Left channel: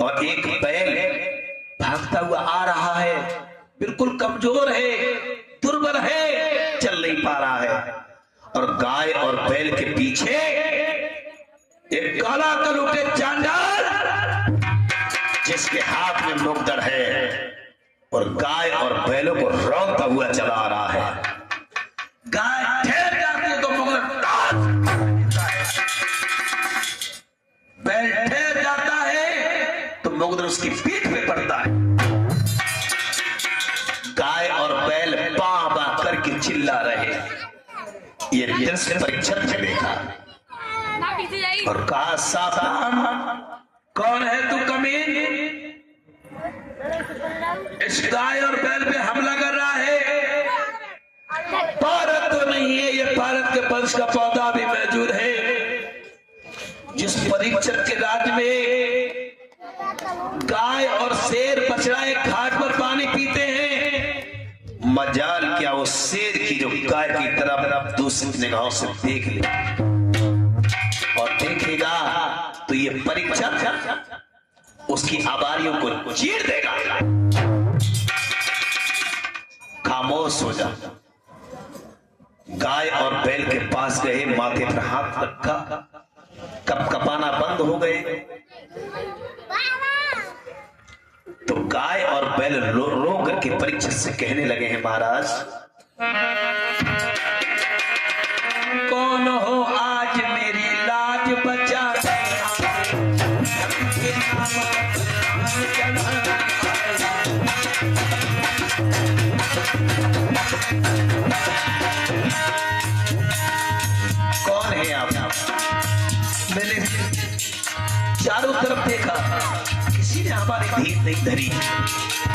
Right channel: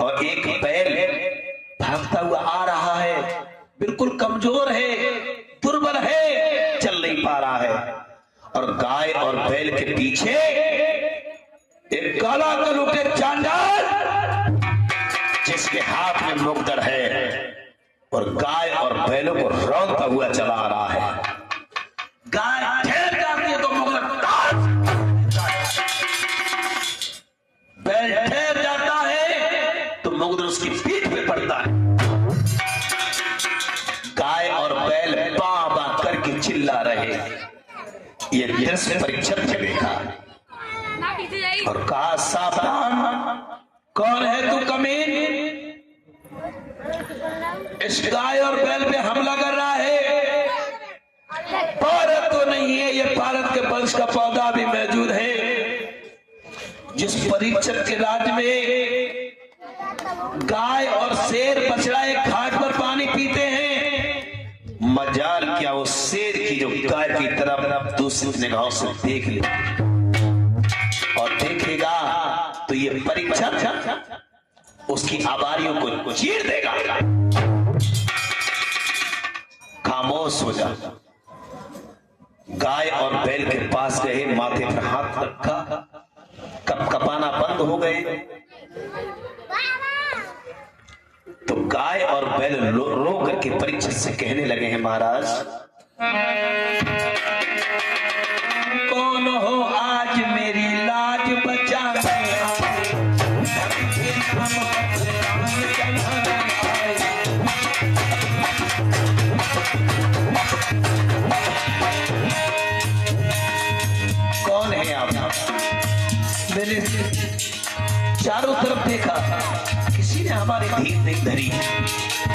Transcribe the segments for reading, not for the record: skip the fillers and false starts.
और एक बैल भागता हुआ आ रहा है, बिल्कुल कमजोर है, दुर्बल है, चल नहीं पा रहा है। और गाय और बैल के पीछे एक काला कलुटे चांडाल जिसके हाथ में मुकदर है और गाय और बैलों को रौंदता हुआ चला आ रहा है। गाय ठहर जाती है तो मुकदर बैल ठहर जाता है तो मुकदर उसकी पीठ पे पड़ता है। गाय और बैल बां बां करके चिल्ला रहे। ये दृश्य परीक्षक ने देखा और कहा, सावधान, कौन है तू कमीन? इस गाय और बैल पे हमला कर रहा है। भारत तो नहीं है, ये भारत के वंश का पौधा भी मौजूद है। जिस परीक्षक के राज्य में गाय और शेर बछड़ा एक घाट पर पानी पीते हैं, मजाल क्या वो शेर की जो गाय की तरफ दूसरी निगाहों से देख ले और देखेगा तो ये परीक्षक उसकी आबारियों को चीर देगा। खामोश हो जा। गाय और बैल के पास गए, माथे पर हाथ रखा, कपकपाना बंद हो गए। तो गाय और बैल रो करके परीक्षक से कहने लगे हैं, महाराज कौन हो आज मेरी लाज बचाने कौन है आप? मैंने चारों तरफ देखा, किसी ने हमारी भीड़ नहीं धरी।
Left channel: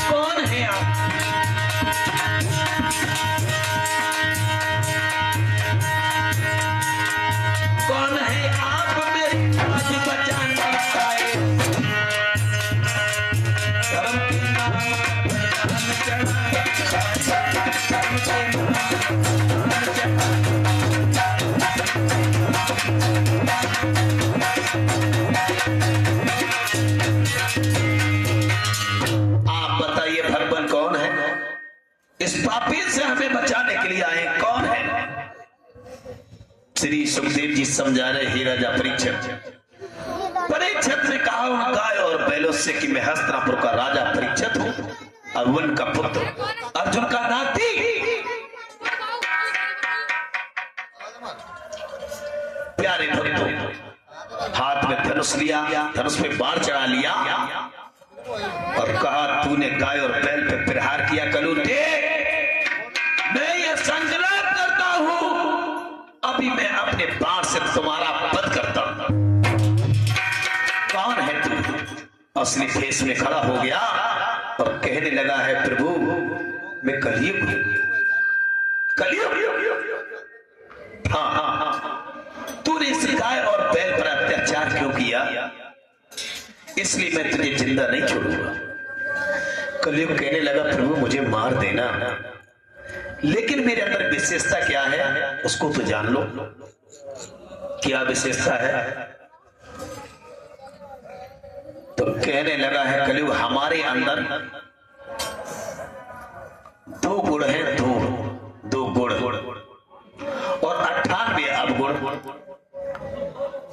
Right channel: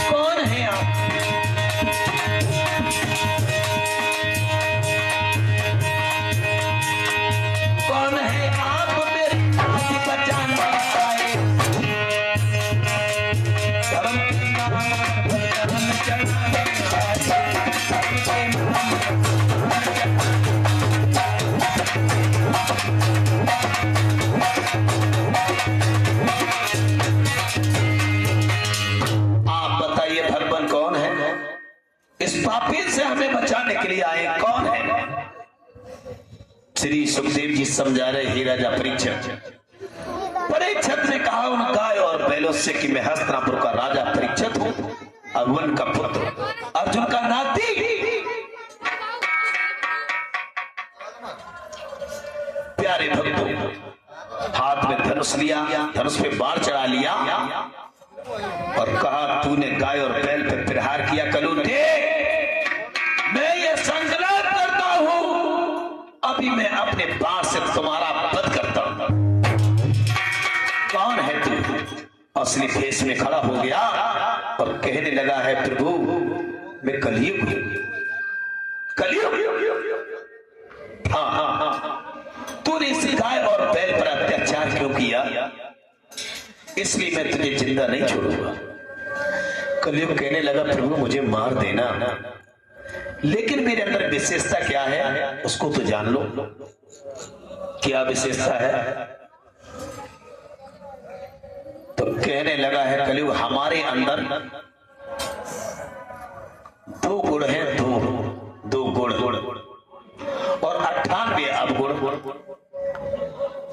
कौन है आप? कौन है आप मेरी लाज बचाने आए? धर्म के नाम पर धर्म चढ़ाए। आप बताइए भगवान कौन है? इस पापी से हमें बचाने के लिए आए कौन है? श्री सुखदेव जी समझा रहे ही राजा परीक्षित। परीक्षित ने कहा उन गाय और बैलों से कि मैं हस्तिनापुर का राजा परीक्षित हूं, अर्जुन का पुत्र, अर्जुन का नाती। प्यारे भक्तों, हाथ में धनुष लिया, धनुष पे बाण चढ़ा लिया और कहा, तूने गाय और बैल पे प्रहार किया कलूटे, मैं ये संकल्प करता हूं, अभी मैं अपने बाण से तुम्हारा वध करता हूं। कौन है तू? असली भेष में खड़ा हो गया और कहने लगा है, प्रभु मैं कलयुग हूं, कलयुग। हाँ, तूने इस गाय और बैल पर अत्याचार क्यों किया? इसलिए मैं तुझे जिंदा नहीं छोड़ूंगा। कलयुग कहने लगा, प्रभु मुझे मार देना, लेकिन मेरे अंदर विशेषता क्या है उसको तो जान लो। क्या विशेषता है? तो कहने लगा है कलयुग, हमारे अंदर दो गुण है, दो गुण और 98 अवगुण।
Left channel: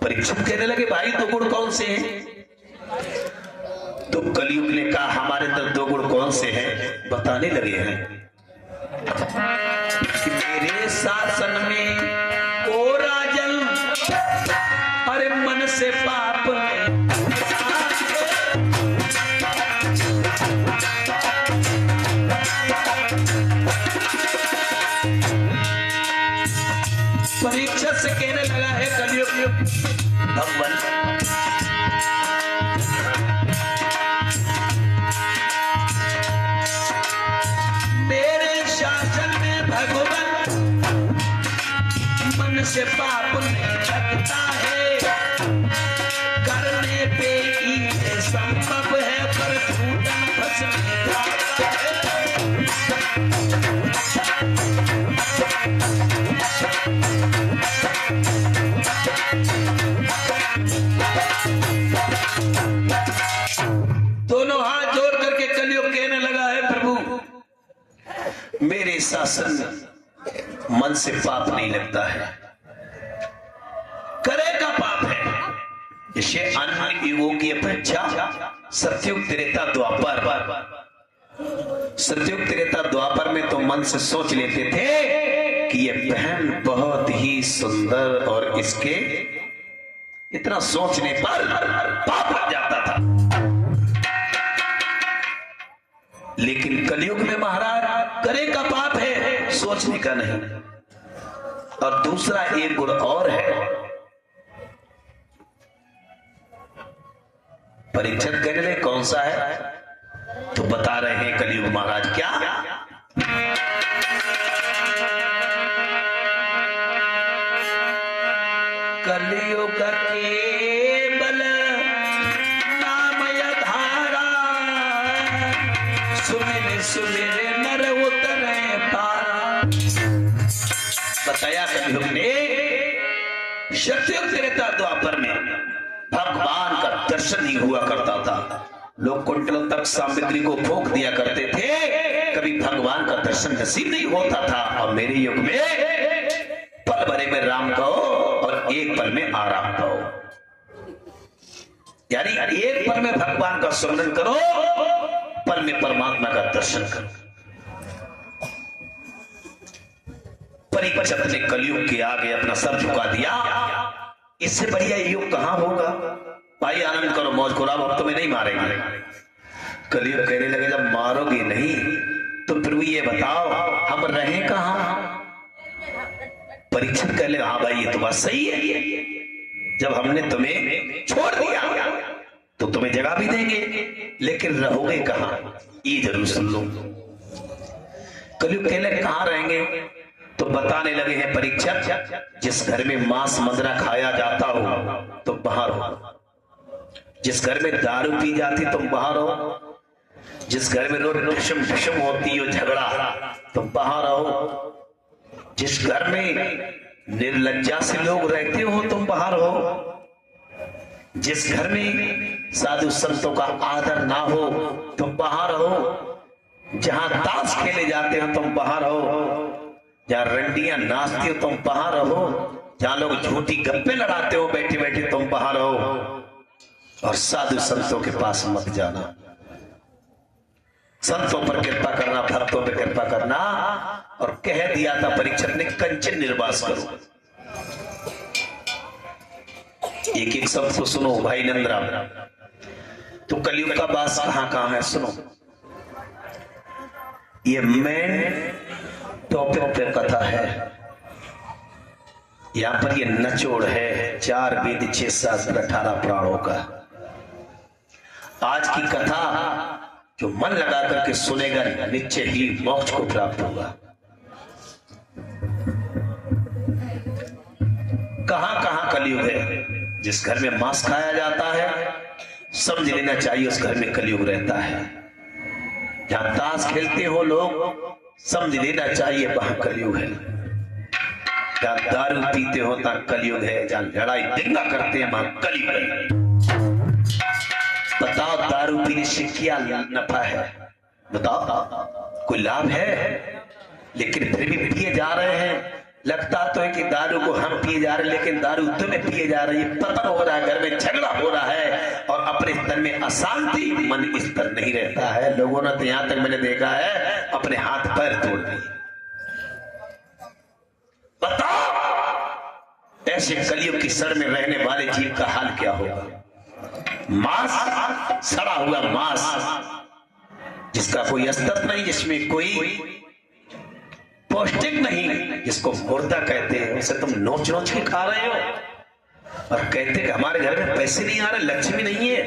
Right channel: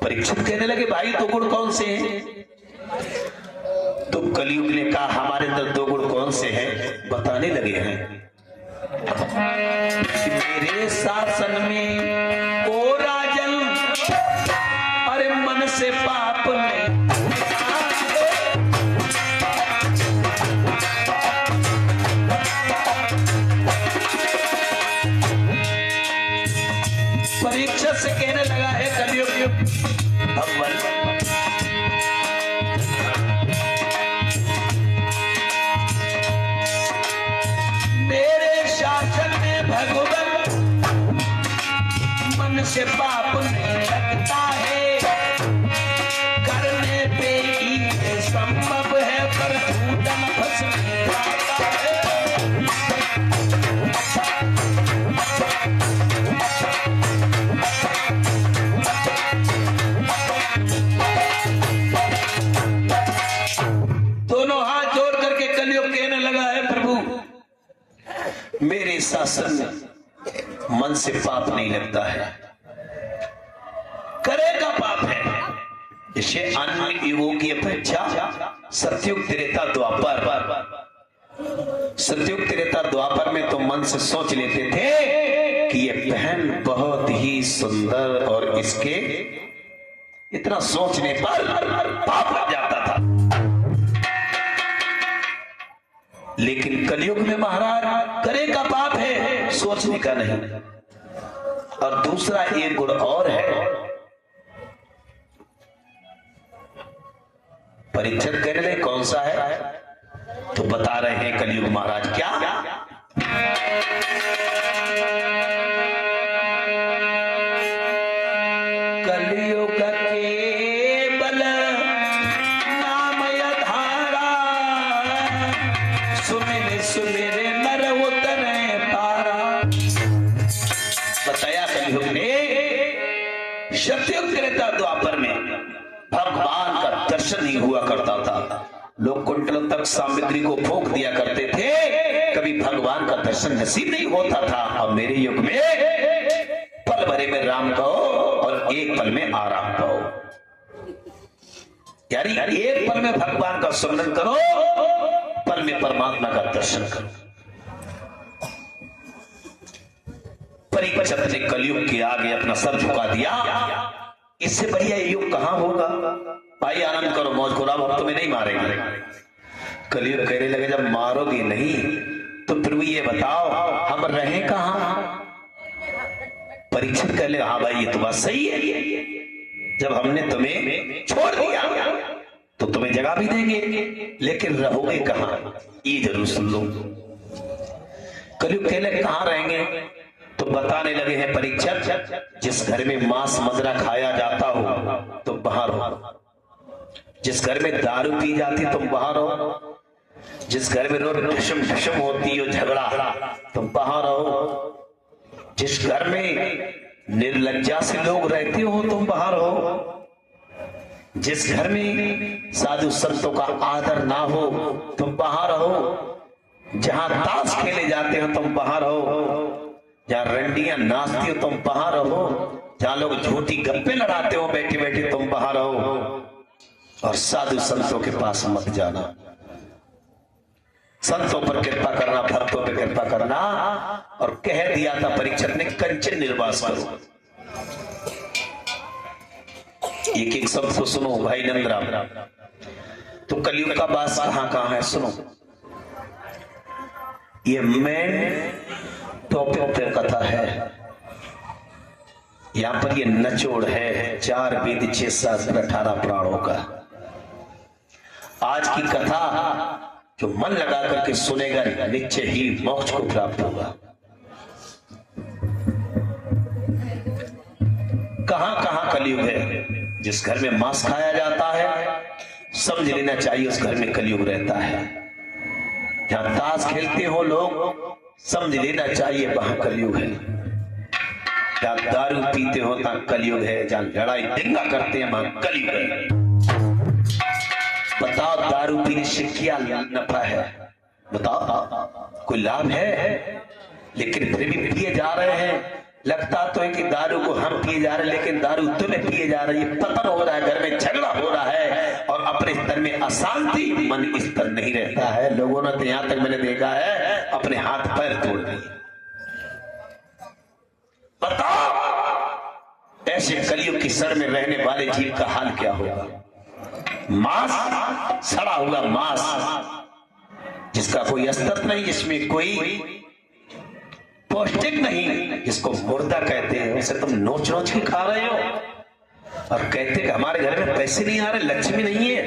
परीक्षित कहने लगे, भाई दो गुण कौन से हैं? तो कलयुग ने कहा, हमारे अंदर दो गुण कौन से हैं बताने लगे हैं कि मेरे शासन में ओ राजन, अरे मन से पाप नहीं, परीक्षा से कहने लगा है कलयुग भगवान, मेरे शासन में भगवान मन से पाप नहीं लगता है, करने पे ही संभव है, पर भूतन भस्म खाता है। मेरे शासन में मन से पाप नहीं लगता है, करेगा पाप है। जैसे अन्य युगों की अपेक्षा सतयुग त्रेता द्वापर, सतयुग त्रेता द्वापर में तो मन से सोच लेते थे कि ये बहन बहुत ही सुंदर, और इसके इतना सोचने पर पाप आ जाता था। लेकिन कलयुग में महाराज करेगा पाप है, सोचने का नहीं। और दूसरा एक गुण और है, परीक्षित कहने में कौन सा है, तो बता रहे हैं कलयुग महाराज क्या, कलयुग केवल नाम धारा, सुमिर सुमिर नर उतरे पारा। बताया कलयुग ने सतयुग त्रेता द्वापर में भगवान का दर्शन ही हुआ करता था। लोग कुंटल तक सामग्री को फूंक दिया करते थे, कभी भगवान का दर्शन नसीब नहीं होता था। और मेरे युग में पल भरे में राम कहो और एक पल में आराम कहो, यानी एक पल में भगवान का स्मरण करो, पल में परमात्मा का दर्शन करो। परीक्षित ने कलयुग के आगे अपना सर झुका दिया, इससे बढ़िया युग कहां होगा। भाई आनंद करो, मौज करो, अब तुम्हें नहीं मारेंगे। कलयुग कहने लगे जब मारोगे नहीं तो फिर भी ये बताओ हम रहे कहां। परीक्षित कह ले हाँ भाई ये तो बात सही है, जब हमने तुम्हें छोड़ दिया तो तुम्हें जगह भी देंगे, लेकिन रहोगे कहां ये जरूर सुन लो। कलयुग कहने कहां रहेंगे, तो बताने लगे हैं परीक्षित, जिस घर में मांस मदिरा खाया जाता हो तुम बाहर हो, जिस घर में दारू पी जाती तुम बाहर हो, जिस घर में रोज ढिशम होती हो झगड़ा तुम बाहर हो, जिस घर में निर्लज्जा से लोग रहते हो तुम बाहर हो, जिस घर में साधु संतों का आदर ना हो तुम बाहर हो, जहां ताश खेले जाते हो तुम बाहर हो, जहां रंडियां नाचती हो तुम बाहर हो, जहां लोग झूठी गप्पे लड़ाते हो बैठे बैठे तुम बाहर हो। और साधु संतों के पास मत जाना, संतों पर कृपा करना, भक्तों पर कृपा करना। और कह दिया था परीक्षित ने कंचन निर्वास करो। एक एक शब्द को सुनो भाई नंदराम। तो कलयुग का वास कहां कहां है सुनो, ये मेन टॉपिक पे कथा है। यहां पर ये नचोड़ है 4 वेद 6 शास्त्र 18 पुराणों का। आज की कथा जो मन लगा करके सुनेगा निश्चय ही मोक्ष को प्राप्त होगा। कहां कहां कलयुग है, जिस घर में मांस खाया जाता है समझ लेना चाहिए उस घर में कलयुग रहता है। जहां ताश खेलते हो लोग समझ लेना चाहिए वहां कलयुग है। जहां दारू पीते हो वहां कलयुग है, जहां लड़ाई दंगा करते हैं वहां कलयुग है। बताओ दारू पीने से क्या नफा है, बताओ कोई लाभ है। लेकिन फिर भी पिए जा रहे हैं। लगता तो है कि दारू को हम पिए जा रहे हैं, लेकिन दारू तुम्हें पिए जा रही है। पतन हो रहा है, घर में झगड़ा हो रहा है और अपने स्तर में अशांति, मन स्तर नहीं रहता है। लोगों ने तो यहां तक मैंने देखा है अपने हाथ पैर तोड़ दिए। बताओ ऐसे कलयुग की सर में रहने वाले जीव का हाल क्या होगा। मांस, सड़ा हुआ मांस जिसका कोई अस्तित्व नहीं, जिसमें कोई पौष्टिक नहीं, जिसको मुर्दा कहते हैं, उसे तुम नोच नोच के खा रहे हो और कहते कि हमारे घर में पैसे नहीं आ रहे, लक्ष्मी नहीं है।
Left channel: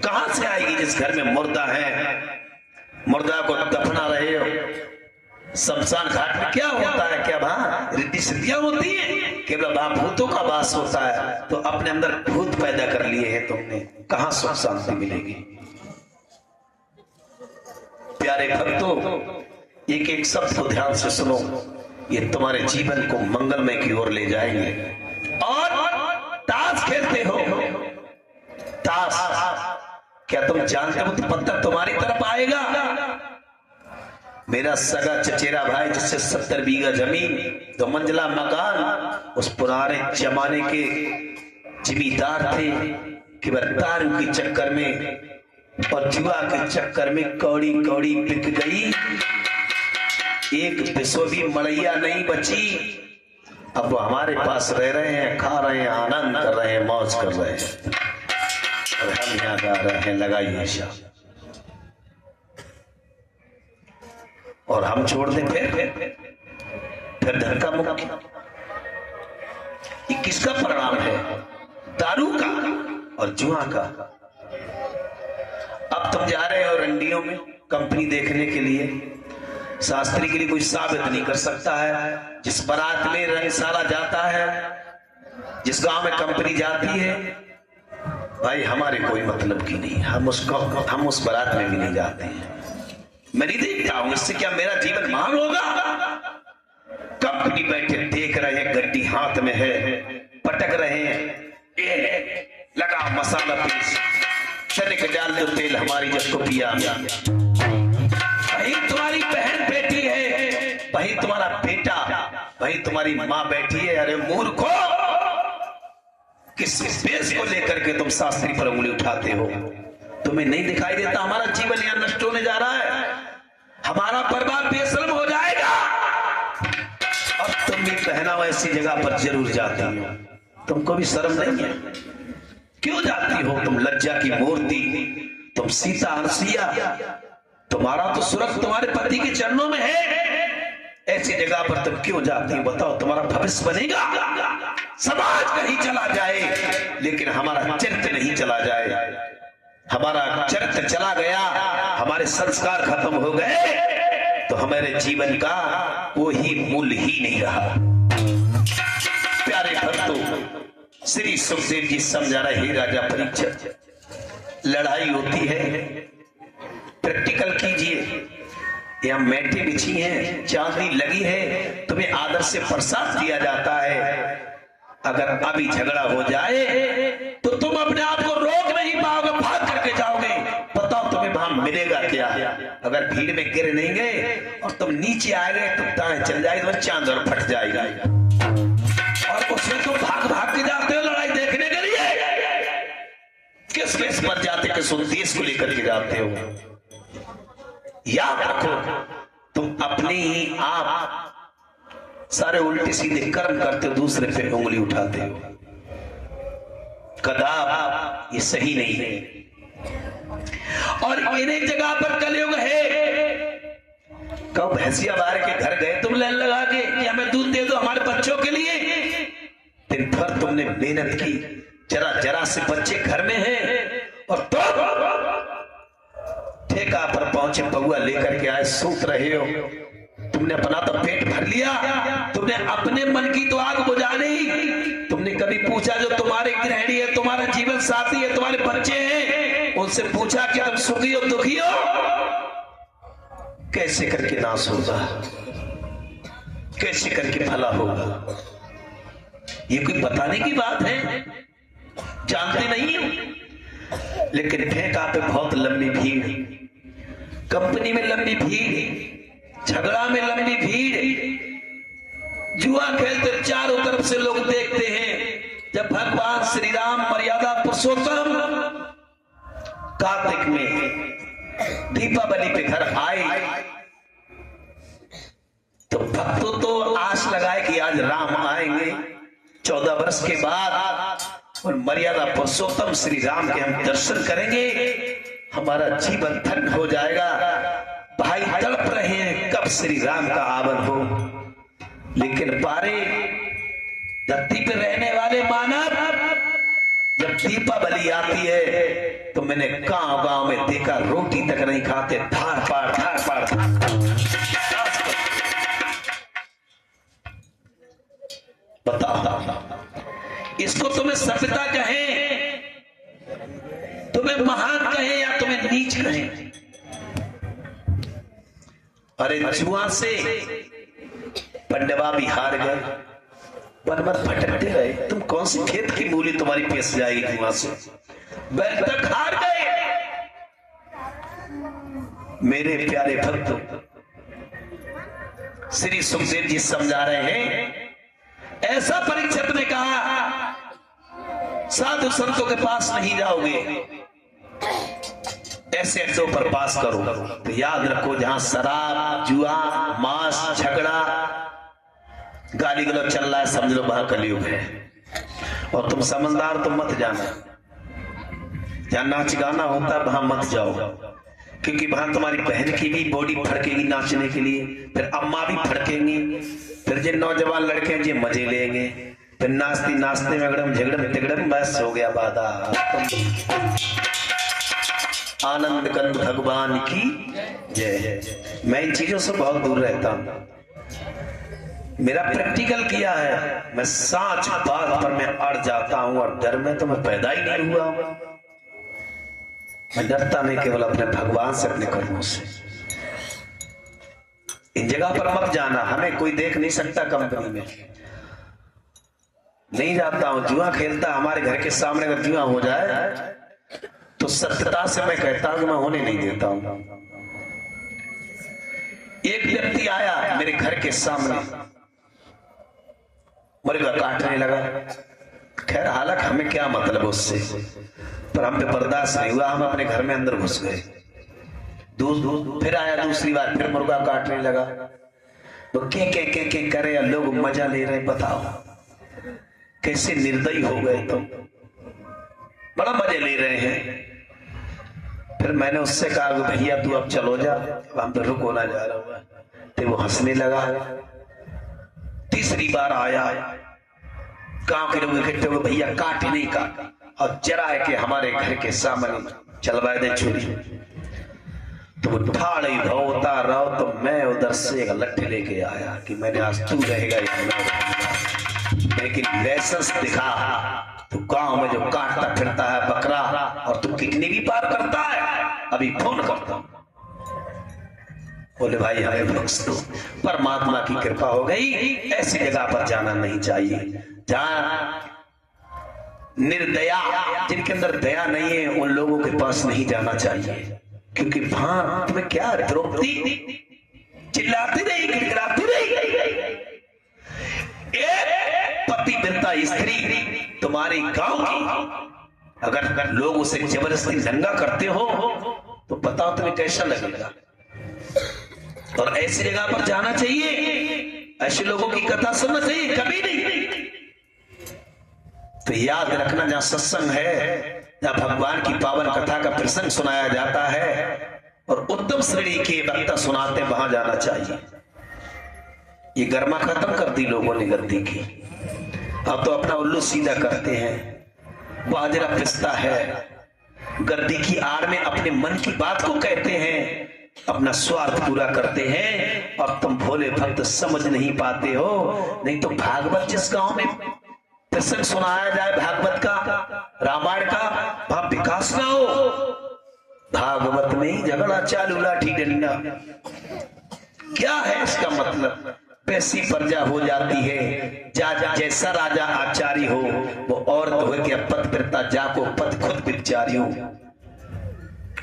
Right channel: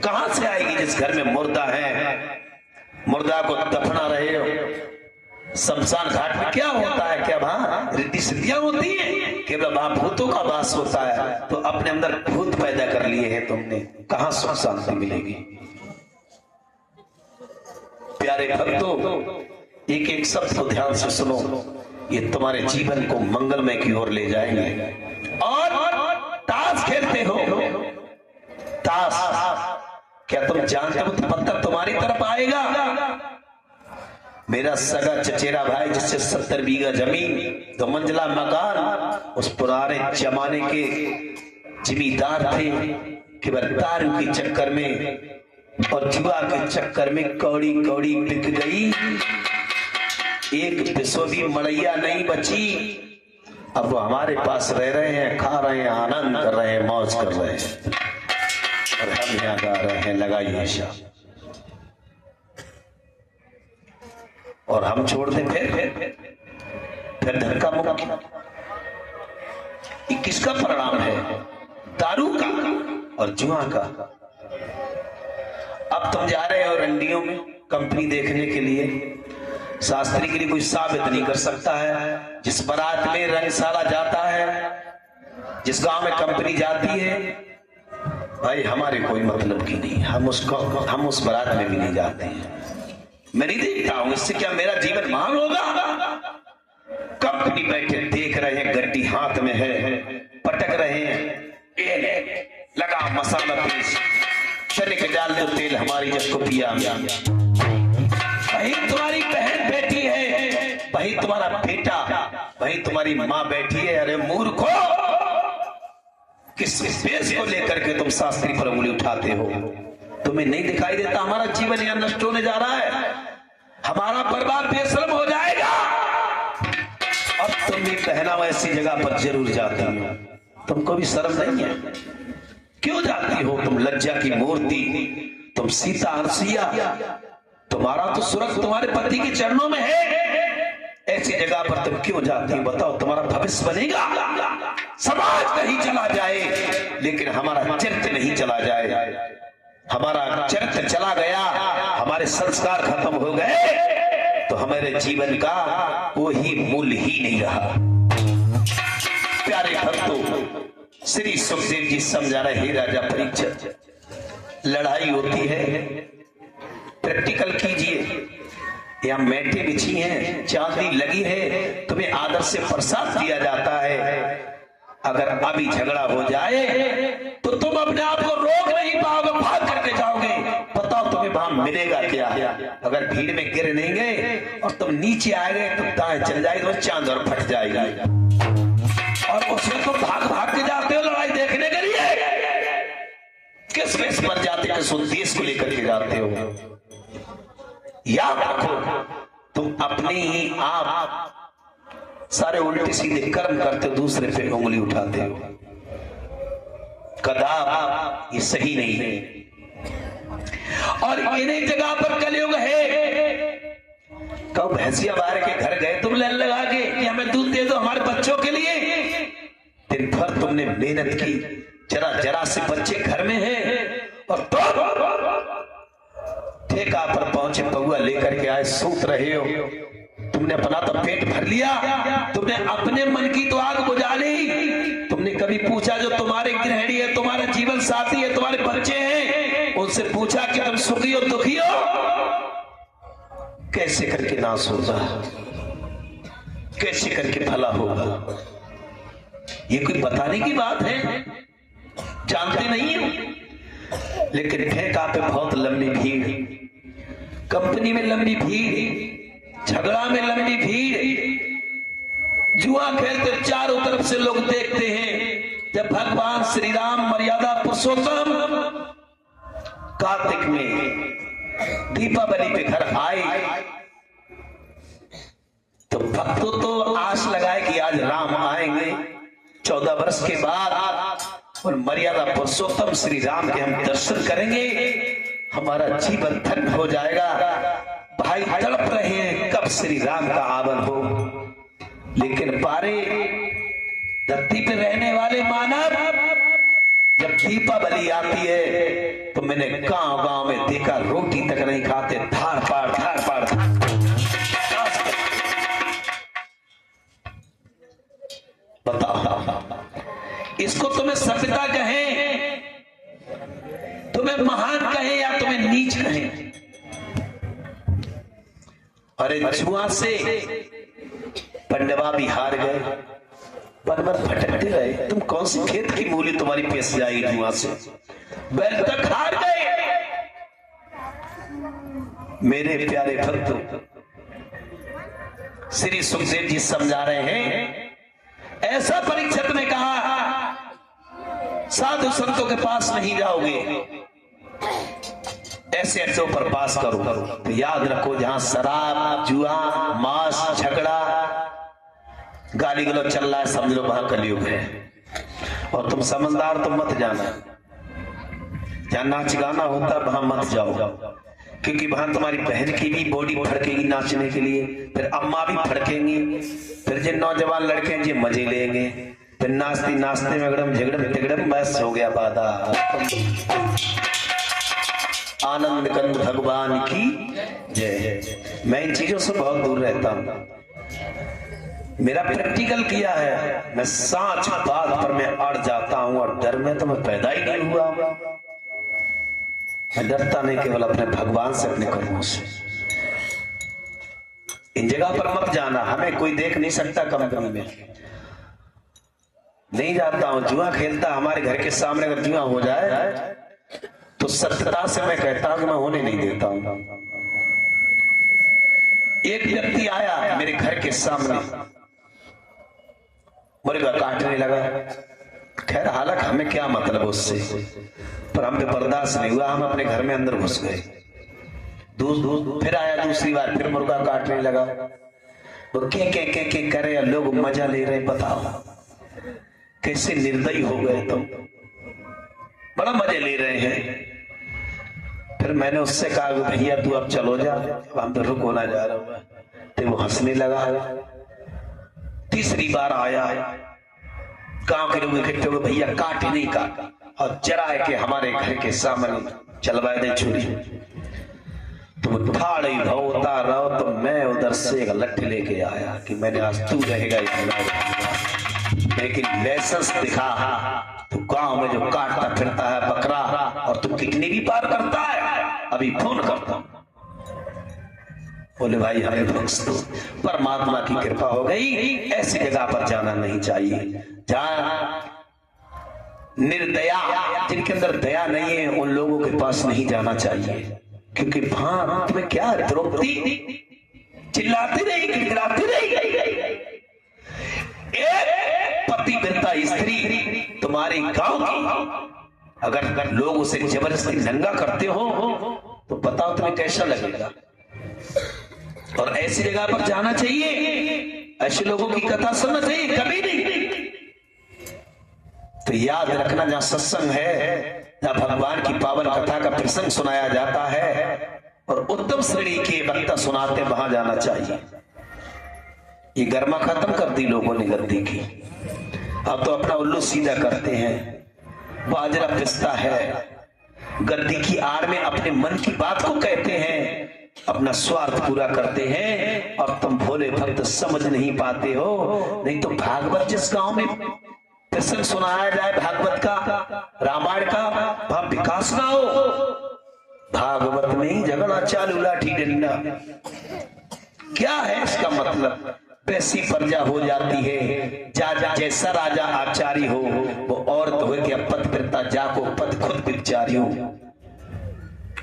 कहां से आएगी जिस घर में मुर्दा है, मुर्दा को दफना रहे हो। शमशान घाट में क्या होता है, क्या वहां रिद्धि सिद्धियां होती है, केवल वहां भूतों का वास होता है। तो अपने अंदर भूत पैदा कर लिए हैं तुमने, कहां सुख शांति मिलेगी। प्यारे भक्तों एक एक शब्द को ध्यान से सुनो, ये तुम्हारे जीवन को मंगलमय की ओर ले जाएंगे। और ताश खेलते हो, ताश क्या तुम जानते हो तो पत्थर तुम्हारी तरफ आएगा। मेरा सगा चचेरा भाई जिससे 70 बीघा जमीन 2 मंजिला मकान, उस पुराने जमाने के जिम्मेदार थे कि वह दारू के चक्कर में और जुआ के चक्कर में कौड़ी कौड़ी बिक गई। एक पैसों भी मड़ैया नहीं बची। अब वो हमारे पास रह रहे हैं, खा रहे हैं, आनंद कर रहे हैं, मौज कर रहे हैं, और हम यहाँ गा रहे हैं लगाइए शाह। और हम छोड़ दें फिर धक्का मुक्की। ये किसका परिणाम है? दारू का और जुआ का। अब तुम जा रहे हो रंडियों में कंपनी देखने के लिए। शास्त्री के लिए कोई साबित नहीं कर सकता है। जिस बारात में रंगशाला जाता है, जिस गांव में कंपनी जाती है, भाई हमारे कोई मतलब की नहीं, हम उस बारात में भी नहीं जाते हैं। मैं नहीं देखता हूं, इससे क्या मेरा जीवन महान होगा? कंपनी बैठे देख रहे हैं, गड्डी हाथ में है, पटक रहे हैं, लगा मसाला पीस, तनिक डाल दो तेल हमारी जब को पिया। वही तुम्हारी बहन बैठी है, वही तुम्हारा बेटा, वही तुम्हारी माँ बैठी है। अरे मूर्खो, किस बेस को लेकर के तुम शास्त्री पर उंगली उठाते हो? तुम्हें नहीं दिखाई देता हमारा जीवन यहाँ नष्ट होने जा रहा है, हमारा बर्बाद बेशर्म हो जाएगा। और तुम भी पहनावा ऐसी जगह पर जरूर जाती हो, तुमको भी शर्म नहीं है? क्यों जाती हो तुम? लज्जा की मूर्ति, तुम सीता हंसिया, तुम्हारा तो सुरग तुम्हारे पति के चरणों में है। ऐसी जगह पर तुम क्यों जाती हो? बताओ, तुम्हारा भविष्य बनेगा? समाज कहीं चला जाए लेकिन हमारा चरित्र नहीं चला जाए। हमारा चरित्र चला गया, हमारे संस्कार खत्म हो गए, तो हमारे जीवन का कोई मूल्य ही नहीं रहा। प्यारे भक्तों, श्री सुखदेव जी समझा रहे, हे राजा परीक्षित, लड़ाई होती है, प्रैक्टिकल कीजिए। यहाँ मेटी बिछी है, चांदनी लगी है, तुम्हें आदर से प्रसाद दिया जाता है। अगर अभी झगड़ा हो जाए तो तुम अपने आप को रोक नहीं पाओगे, भाग करके जाओगे। बताओ तुम्हें वहां मिलेगा क्या? अगर भीड़ में गिर नहीं गए और तुम नीचे आ गए तो दाएं चल जाएगी, तो चांद और फट जाएगा। और उसमें तुम भाग भाग के जाते हो लड़ाई देखने के लिए। किस केस पर जाते, किस उद्देश्य को लेकर के जाते हो? याद रखो, तुम अपने ही आप सारे उल्टे सीधे कर्म करते, दूसरे पे उंगली उठाते हो। कदाप ये सही नहीं है। और इन्हीं जगह पर कलयुग है। कब भैंसिया बार के घर गए तुम लाइन लगा के कि हमें दूध दे दो हमारे बच्चों के लिए? दिन भर तुमने मेहनत की, जरा जरा से बच्चे घर में हैं, और ठेका पर पहुंचे, बउआ लेकर के आए, सूत रहे हो। तुमने अपना तो पेट भर लिया, तुमने अपने मन की तो आग बुझा ली। तुमने कभी पूछा जो तुम्हारे गृहिणी है, तुम्हारे जीवन साथी है, तुम्हारे बच्चे हैं, उनसे पूछा कि तुम सुखी हो दुखी हो? कैसे करके नाश होगा, कैसे करके भला होगा? ये कोई बताने की बात है? जानते नहीं हो। लेकिन ठेका पे बहुत लंबी भीड़, कंपनी में लंबी भीड़, झगड़ा में लंबी भीड़, जुआ खेलते चारों तरफ से लोग देखते हैं। जब भगवान श्री राम मर्यादा पुरुषोत्तम कार्तिक में दीपावली पे घर आए, तो भक्तों तो आस लगाए कि आज राम आएंगे 14 वर्ष के बाद, और मर्यादा पुरुषोत्तम श्री राम के हम दर्शन करेंगे, हमारा जीवन धन्य हो जाएगा। भाई तड़प रहे हैं कब श्री राम का आगमन हो। लेकिन पारे धरती पर रहने वाले मानव, जब दीपावली आती है तो मैंने गांव में देखा, रोटी तक नहीं खाते, धार पार धार पार। बताओ, इसको तुम्हें सभ्यता कहें, तुम्हें महान कहें, या तुम्हें नीच कहें? अरे जुआ से पंडवा भी हार गए, बनवर भटकते रहे। तुम कौन सी खेत की मूली तुम्हारी पेश जाएगी जुआ से? बैल तक हार गए। मेरे प्यारे भक्तों, श्री सुखदेव जी समझा रहे हैं। ऐसा परीक्षित ने कहा, साधु संतों के पास नहीं जाओगे, ऐसे अड्डों पर पास करो। तो याद रखो, जहां शराब, जुआ, मांस, झगड़ा, गाली गलौज चल रहा है, समझ लो वहां कलयुग है। और तुम समझदार तो मत जाना, जहां नाच गाना होता है वहां मत जाओ, क्योंकि वहां तुम्हारी बहन की भी बॉडी फड़केगी नाचने के लिए, फिर अम्मा भी फड़केंगी, फिर जिन नौजवान लड़के जी मजे लेंगे, फिर नाचती नाचते में अगड़म झगड़म तिगड़म, बस हो गया बाधा। आनंद कंद भगवान की जय। मैं इन चीजों से बहुत दूर रहता हूं, मेरा प्रैक्टिकल किया है। मैं सच बात पर मैं अड़ जाता हूं, और डर में तो मैं पैदा ही नहीं हुआ। मैं डरता नहीं केवल अपने भगवान से, अपने कर्मों से। इन जगह पर मत जाना, हमें कोई देख नहीं सकता कंपनी में, नहीं जाता हूं। जुआ खेलता हमारे घर के सामने अगर जुआ हो जाए तो सत्यता से मैं कहता हूं कि मैं होने नहीं देता हूं। एक व्यक्ति आया मेरे घर के सामने, मुर्गा काटने लगा। खैर हालांकि हमें क्या मतलब उससे, पर हम पे बर्दाश्त नहीं हुआ, हम अपने घर में अंदर घुस गए। फिर आया दूसरी बार, फिर मुर्गा काटने लगा। वो के करे, लोग मजा ले रहे। बताओ कैसे निर्दयी हो गए तुम, बड़ा मजे ले रहे हैं। फिर मैंने उससे कहा कि भैया तू अब चलो जा, हम तो रुक होना जा रहा हुआ। तो वो हंसने लगा। तीसरी बार आया, गांव के लोग इकट्ठे हो गए, भैया काट नहीं काट, और जरा है कि हमारे घर के सामने चलवाए दे छुरी। तो वो ठाड़ी होता रहो, तो मैं उधर से एक लट्ठी लेके आया कि मैंने आज तू रहेगा, लेकिन लाइसेंस दिखा। तू गांव में जो काटता फिरता है बकरा, और तू कितनी भी पार करता है, अभी फोन करता हूं। बोले भाई हमें बख्श दो, परमात्मा की कृपा हो गई। ऐसी जगह पर जाना नहीं चाहिए जहां निर्दया, जिनके अंदर दया नहीं है, उन लोगों के पास नहीं जाना चाहिए। क्योंकि वहां तुम्हें क्या, द्रौपदी चिल्लाती रही, गिड़गिड़ाती रही। एक पतिव्रता स्त्री तुम्हारी गांव की, अगर लोग उसे जबरदस्ती नंगा करते हो तो बताओ तुम्हें कैसा लगेगा। और ऐसी जगह पर जाना चाहिए, ऐसे लोगों की कथा सुनना चाहिए, कभी नहीं। तो याद रखना, जहां सत्संग है, जहां भगवान की पावन कथा का प्रसंग सुनाया जाता है और उत्तम श्रेणी के वक्ता सुनाते, वहां जाना चाहिए। ये गर्मा खत्म कर दी लोगों ने गद्दी की, अब तो अपना उल्लू सीधा करते हैं। बाजरा पिसता है, गद्दी की आड़ में अपने मन की बात को कहते हैं, अपना स्वार्थ पूरा करते हैं, और तुम भोले भक्त समझ नहीं पाते हो। नहीं तो भागवत जिस गांव में प्रसंग सुनाया जाए भागवत का, रामायण का, वहां विकास ना हो। भागवत में ही झगड़ा चालू, लाठी डंडा। क्या है इसका मतलब? वैसी प्रजा हो जाती है, जैसा राजा आचार्य हो, वो औरत हो कि पतिव्रता जाको पति खुद विचारी हो।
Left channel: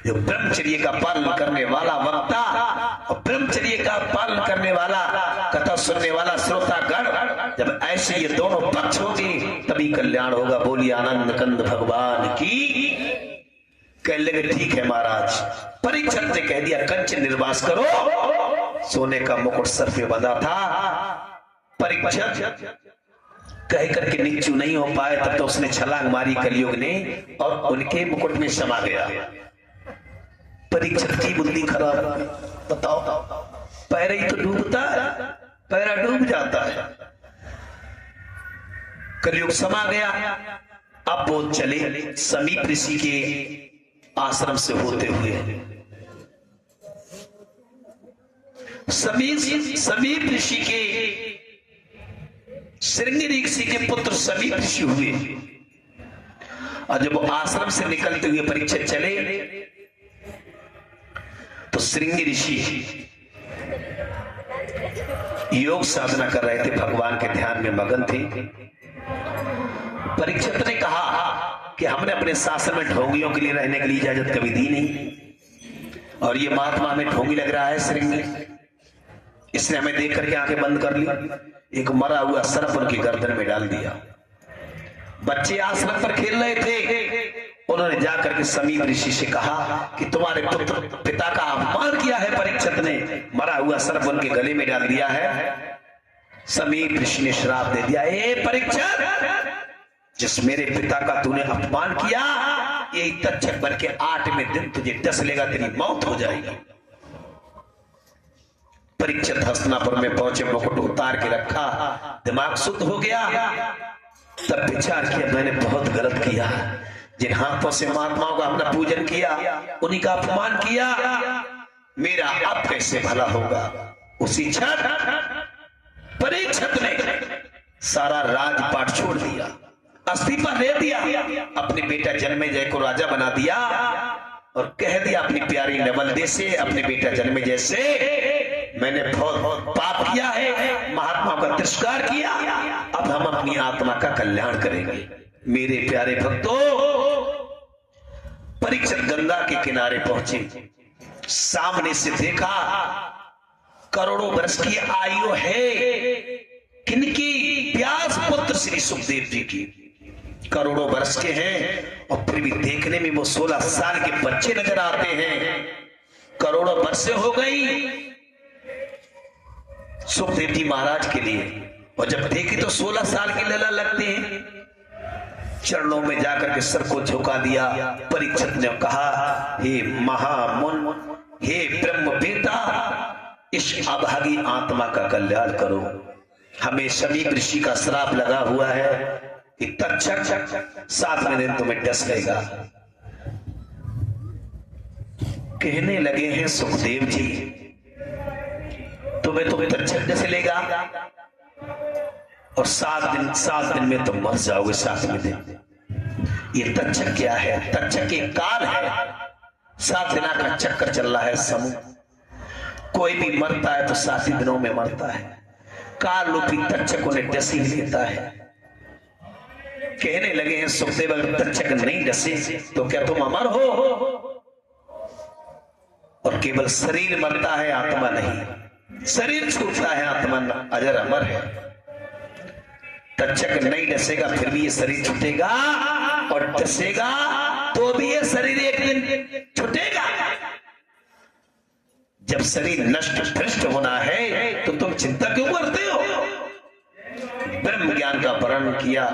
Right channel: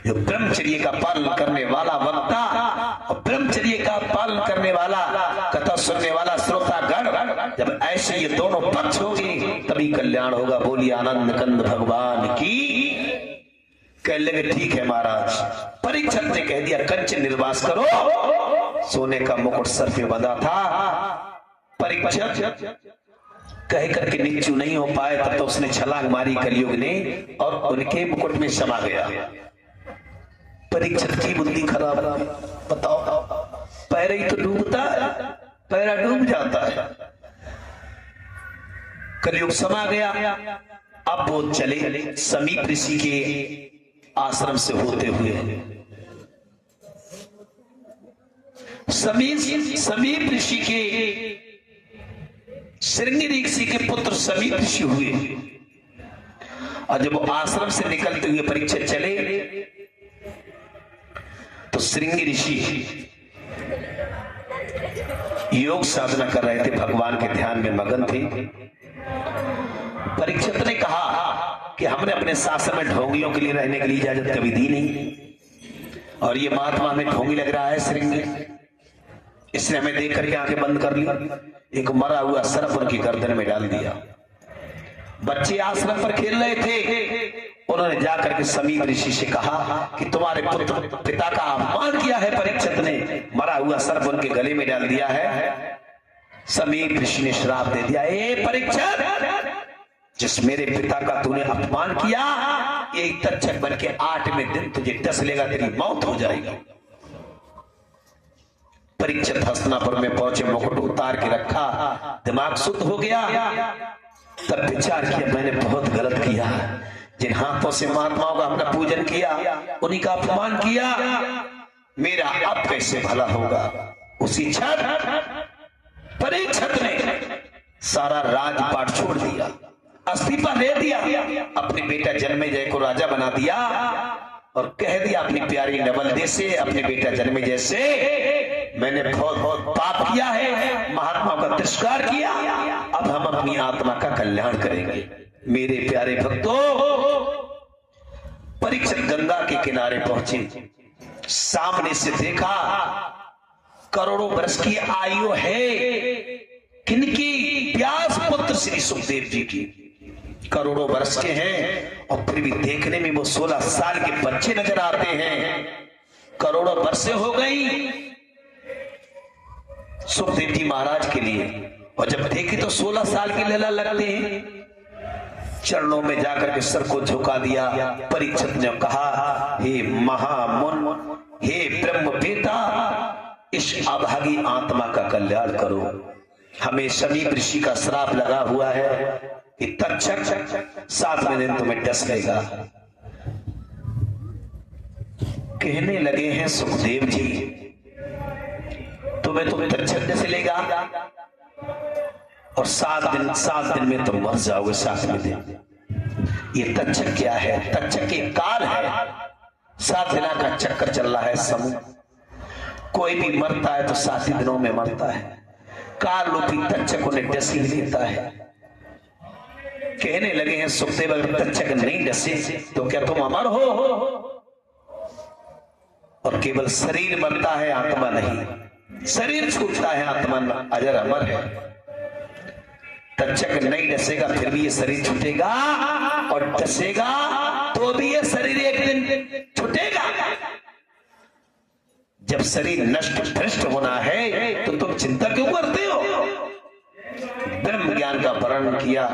जो ब्रह्मचर्य का पालन करने वाला वक्ता और ब्रह्मचर्य का पालन करने वाला कथा सुनने वाला श्रोतागण, जब ऐसे ये दोनों पक्ष होंगे तभी कल्याण होगा। बोलिए आनंद कंद भगवान की। कह लगे ठीक है महाराज। परीक्षित ने कह दिया कंचन निर्वास करो। सोने का मुकुट सर पे बंधा था। परीक्षित कह करके नीचू नहीं हो पाए, तब तो उसने छलांग मारी कलयुग ने और उनके मुकुट में समा गया। परीक्षित की बुद्धि खराब। बताओ, पैर ही तो डूबता है, पैरा डूब जाता है। कलयुग समा गया। अब वो चले समीप ऋषि के आश्रम से होते हुए। समीप ऋषि के श्रृंगी ऋषि के पुत्र समीप ऋषि हुए। और जब वो आश्रम से निकलते हुए परीक्षित चले तो श्रृंगी ऋषि योग साधना कर रहे थे, भगवान के ध्यान में मगन थे। परीक्षित ने कहा कि हमने अपने शासन में ढोंगियों के लिए रहने के लिए इजाजत कभी दी नहीं, और ये महात्मा हमें ढोंगी लग रहा है श्रृंगी, इसने हमें देख करके आंखें बंद कर ली। एक मरा हुआ सर्प उनकी गर्दन में डाल दिया। बच्चे आश्रम पर खेल रहे थे, उन्होंने जाकर के समीप ऋषि से कहा कि तुम्हारे पुत्र पिता का अपमान किया है परीक्षित ने, मरा हुआ सर्प उनके गले में डाल दिया है। समीप ऋषि ने श्राप दे दिया, ए परीक्षित, जिस मेरे पिता का तूने अपमान किया, ये तक्षक बन के 8वें दिन तुझे डस लेगा, तेरी मौत हो जाएगी। परीक्षित हस्तिनापुर में पहुंचे, मुकुट उतार के रखा, दिमाग शुद्ध हो गया। तब विचार किया मैंने बहुत गलत किया, जिन हाथों से महात्माओं का अपना पूजन किया, उन्हीं का अपमान किया, मेरा अब कैसे भला होगा। उसी क्षण परीक्षित ने सारा राजपाट छोड़ दिया, इस्तीफा दे दिया, अपने बेटा जन्मेजय को राजा बना दिया और कह दिया अपनी प्यारी नवलदे से, अपने बेटा जन्मेजय से, मैंने बहुत बहुत पाप किया है, महात्माओं का तिरस्कार किया, अब हम अपनी आत्मा का कल्याण करेंगे। मेरे प्यारे भक्तों, परीक्षित गंगा के किनारे पहुंचे, सामने से देखा करोड़ों वर्ष की आयु है किनकी, व्यास पुत्र श्री सुखदेव जी की, करोड़ों वर्ष के हैं और फिर भी देखने में वो 16 साल के बच्चे नजर आते हैं। करोड़ों वर्षें हो गई सुखदेव जी महाराज के लिए, और जब देखे तो 16 साल के लला लगते हैं। चरणों में जाकर के सर को झुका दिया। परीक्षित ने कहा, हे महामुन, हे ब्रह्म बेटा, इस अभागी आत्मा का कल्याण करो। हमें समीप ऋषि का श्राप लगा हुआ है कि तक्षक 7वें दिन तुम्हें डस लेगा। कहने लगे हैं सुखदेव जी, तुम्हें तो तक्षक डस लेगा और 7 दिन में तुम मर जाओगे। 7वें दिन ये तक्षक क्या है? तक्षक एक काल है, 7 दिना का चक्कर चल रहा है समूह। कोई भी मरता है तो 7 दिनों में मरता है। काल रूपी तक्षक उन्हें डस ही लेता है। कहने लगे हैं सुखदेव, अगर तक्षक नहीं डसे तो क्या तुम अमर हो? और केवल शरीर मरता है, आत्मा नहीं। शरीर छूटता है, आत्मा अजर अमर है। तक्षक नहीं डसेगा फिर भी ये शरीर छूटेगा, और डसेगा तो भी ये शरीर एक दिन छूटेगा। जब शरीर नष्ट भ्रष्ट होना है तो तुम चिंता क्यों करते हो? ब्रह्म ज्ञान का वर्णन किया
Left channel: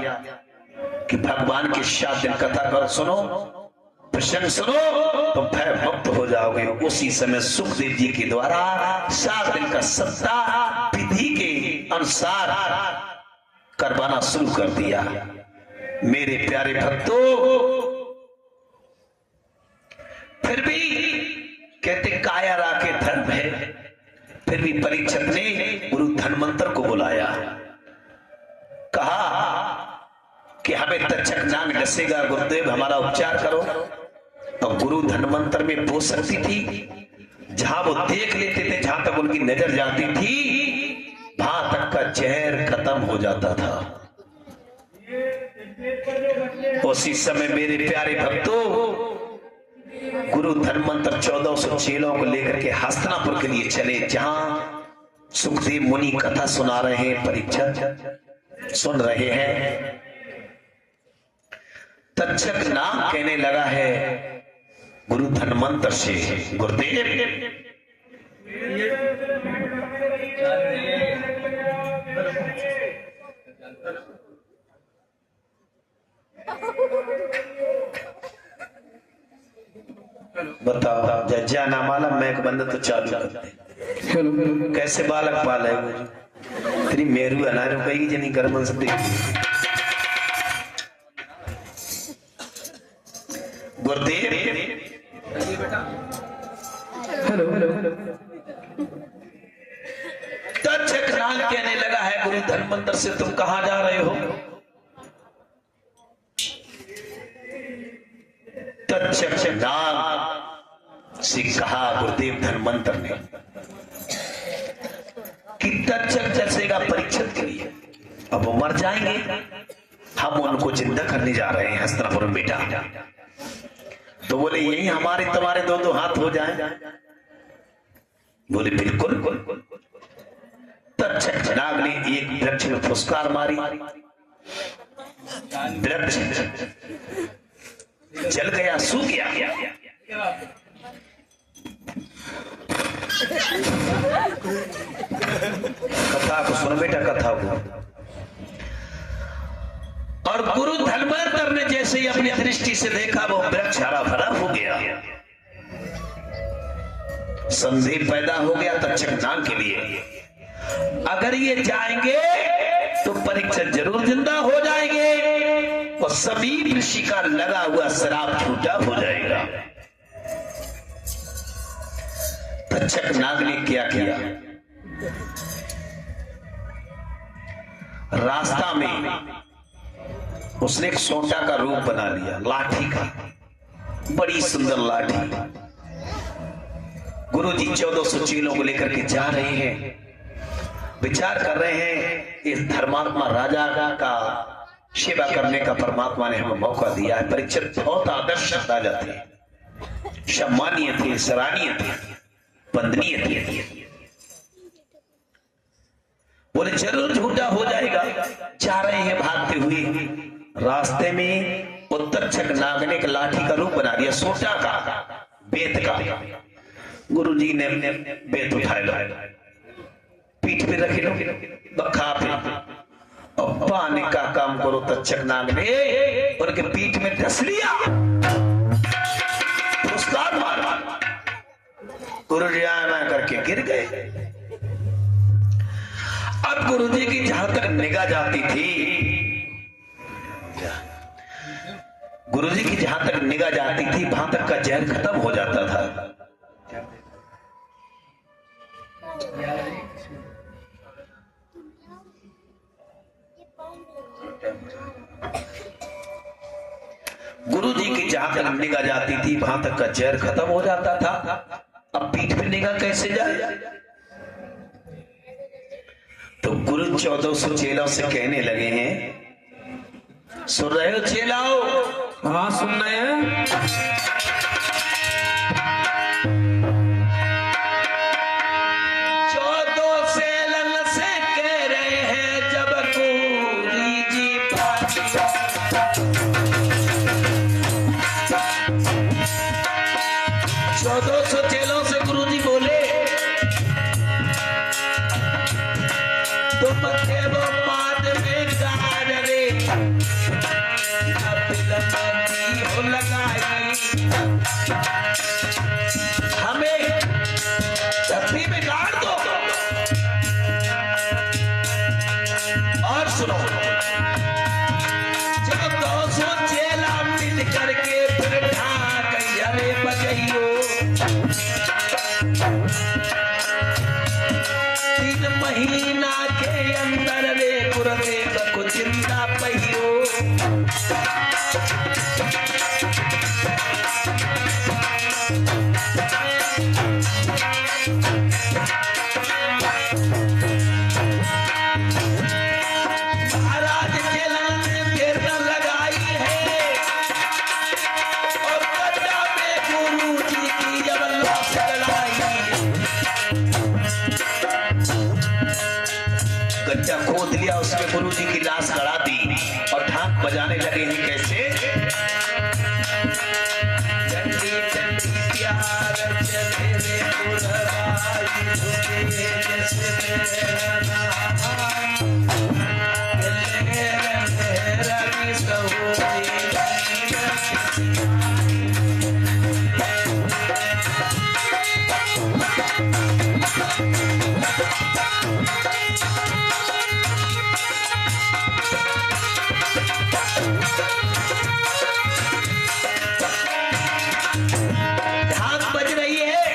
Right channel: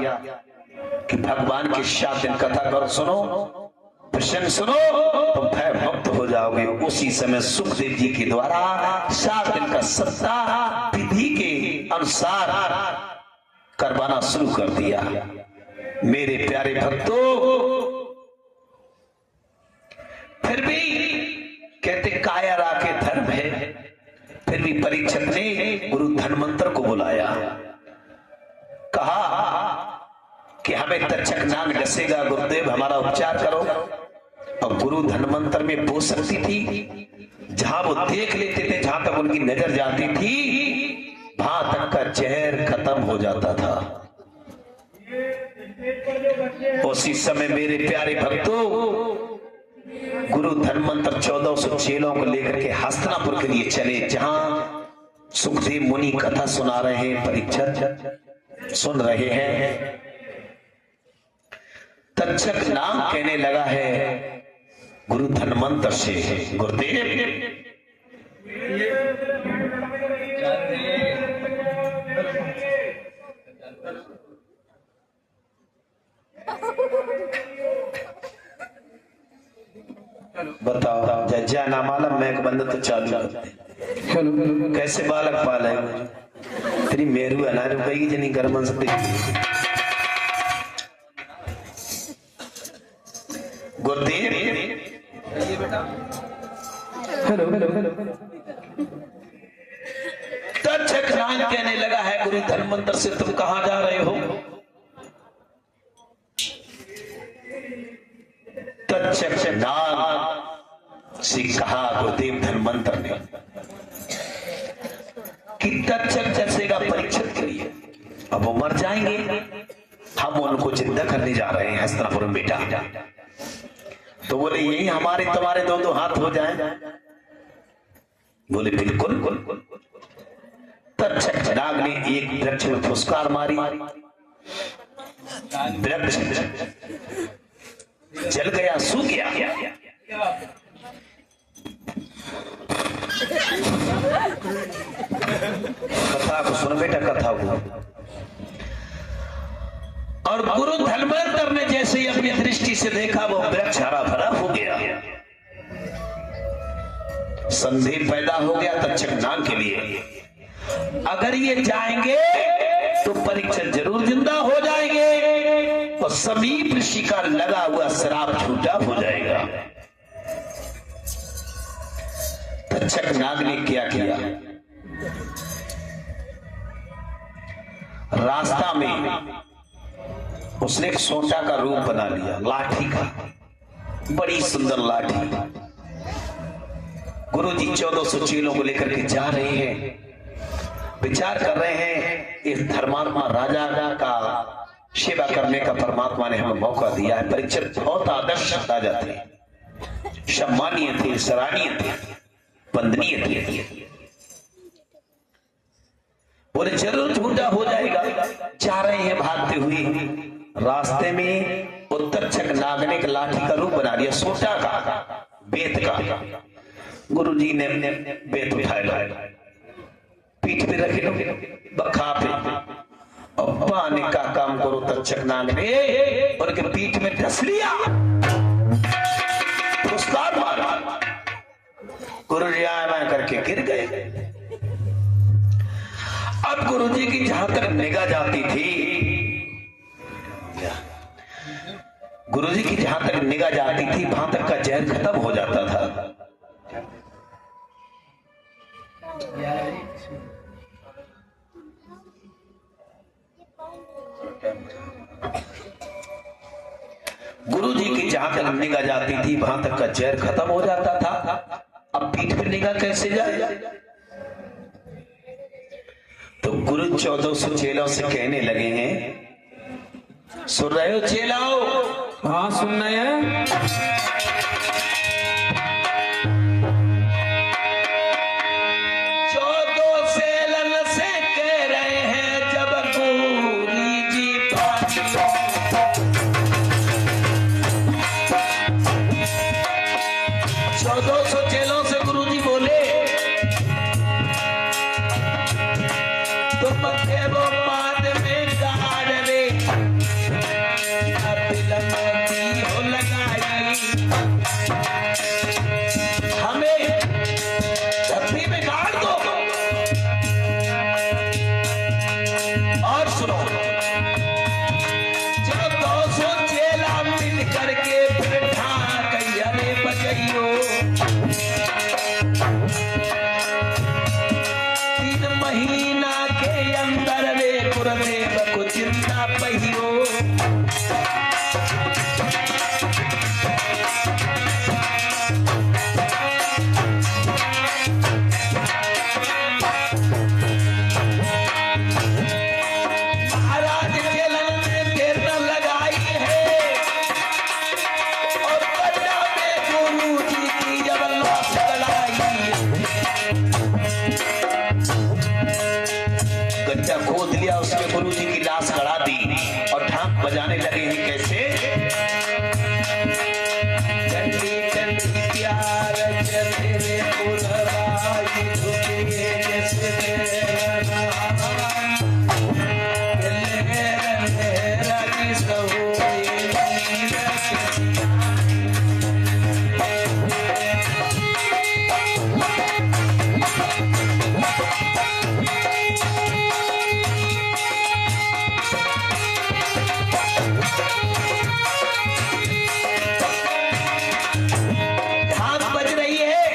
कि भगवान की 7 दिन कथा कर सुनो, प्रसंग सुनो तो भय मुक्त हो जाओगे। उसी समय सुखदेव जी के द्वारा 7 दिन का सप्ताह विधि के अनुसार करवाना शुरू कर दिया। मेरे प्यारे भक्तों, फिर भी कहते काया राके धर्म है, फिर भी परीक्षित ने गुरु धन्वंतर को बुलाया, कहा कि हमें तक्षक नाग डसेगा, गुरुदेव हमारा उपचार करो। और गुरु धन्वंतर में वो शक्ति थी, जहां वो देख लेते थे, जहां तक उनकी नजर जाती थी, वहां तक का जहर खत्म हो जाता था। उसी समय मेरे प्यारे भक्तों, गुरु धन्वंतर 1400 चेलों को लेकर के हस्तिनापुर के लिए चले, जहां सुखदेव मुनि कथा सुना रहे हैं, परीक्षित सुन रहे हैं। तक्षक नाम कहने लगा है गुरु धन्वंतर से, गुरुदेव बताओ, जज्जा ना मालूम मैं एक बंदा तो चालू करते कैसे बालक पाल है तेरी मेरू अनारू कही जनी गर्मन से Gurudev. Hello hello hello. Takshak नाग कहने लगा है गुरु धन्वंतर से, तुम कहां जा रहे हो? तक्षक नाग से कहा गुरुदेव धन्वंतर ने कि तक्षक डसेगा परीक्षित के लिए, अब वो मर जाएंगे, हम उनको जिंदा करने जा रहे हैं हस्तिनापुर में बेटा। तो बोले यही हमारे तुम्हारे 2-2 हाथ हो जाए? बोले बिल्कुल। तक्षक नाग ने एक वृक्ष में फुसकार मारी, वृक्ष जल गया, सूख गया। कथा को सुनो बेटा, कथा को। और गुरु धन्वंतर ने जैसे ही अपनी दृष्टि से देखा, वो वृक्ष हरा भरा हो गया। संदेह पैदा हो गया तक्षक नाग के लिए, अगर ये जाएंगे तो परीक्षक जरूर जिंदा हो जाएंगे और समीप ऋषि का लगा हुआ श्राप झूठा हो जाएगा। तक्षक नाग ने क्या किया, रास्ता में उसने एक सोटा का रूप बना लिया, लाठी का, बड़ी सुंदर लाठी। गुरुजी 1400 चेलों को लेकर के जा रहे हैं, विचार कर रहे हैं इस धर्मात्मा राजा का सेवा करने का परमात्मा ने हमें मौका दिया है। परीक्षित बहुत आदर्श राजा थे, सम्मानीय थे, सराहनीय थे, वंदनीय थे। बोले जरूर झूठा हो जाएगा। जा रहे हैं भागते हुए, रास्ते में तक्षक नाग ने एक लाठी का रूप बना दिया, सोटा का, बेत का। गुरुजी ने बेत उठाया, पीठ पे रख लो, बखा पे, और पानी का काम करो। तक्षक नाग ने उनके पीठ में डस लिया, पुरस्कार मारा। गुरुजी आना करके गिर गए। अब गुरुजी की जहां तक निगाह जाती थी, गुरुजी की जहां तक निगाह जाती थी, वहां तक का जहर खत्म हो जाता था। गुरुजी की जहां तक निगाह जाती थी, वहां तक का जहर खत्म हो जाता था। अब पीठ पे निगाह कैसे जाए? तो गुरु 1400 चेलों से कहने लगे हैं, सुन रहे हो चेलाओ? हाँ सुन रहे हैं। 14 सेलन से कह रहे हैं, जब गुरुजी पानी 1400 चेलों से गुरुजी बोले, तुम थे वो माद में गाड़ रे, अब लगी हो लगाई, हमें धरती में गाड़ दो। और सुनो, जब 200 चेला मिल करके फिर ढाक अरे बजइयो, 3 महीना के अंदर रे गुरुदेव को जिंदा पहियो। महाराज चेलन ने देर न लगाई है और गड्ढा में गुरुजी की जब लाश गड़ाई, गड्ढा खोद लिया, उसमें गुरुजी की लाश गड़ा दी और ढाक बजाने लगे हैं। कैसे? चंडी चंडी प्यार चले रे पुरवाई, झुके जैसे मेरा रंग सहोई। ढाक बज रही है,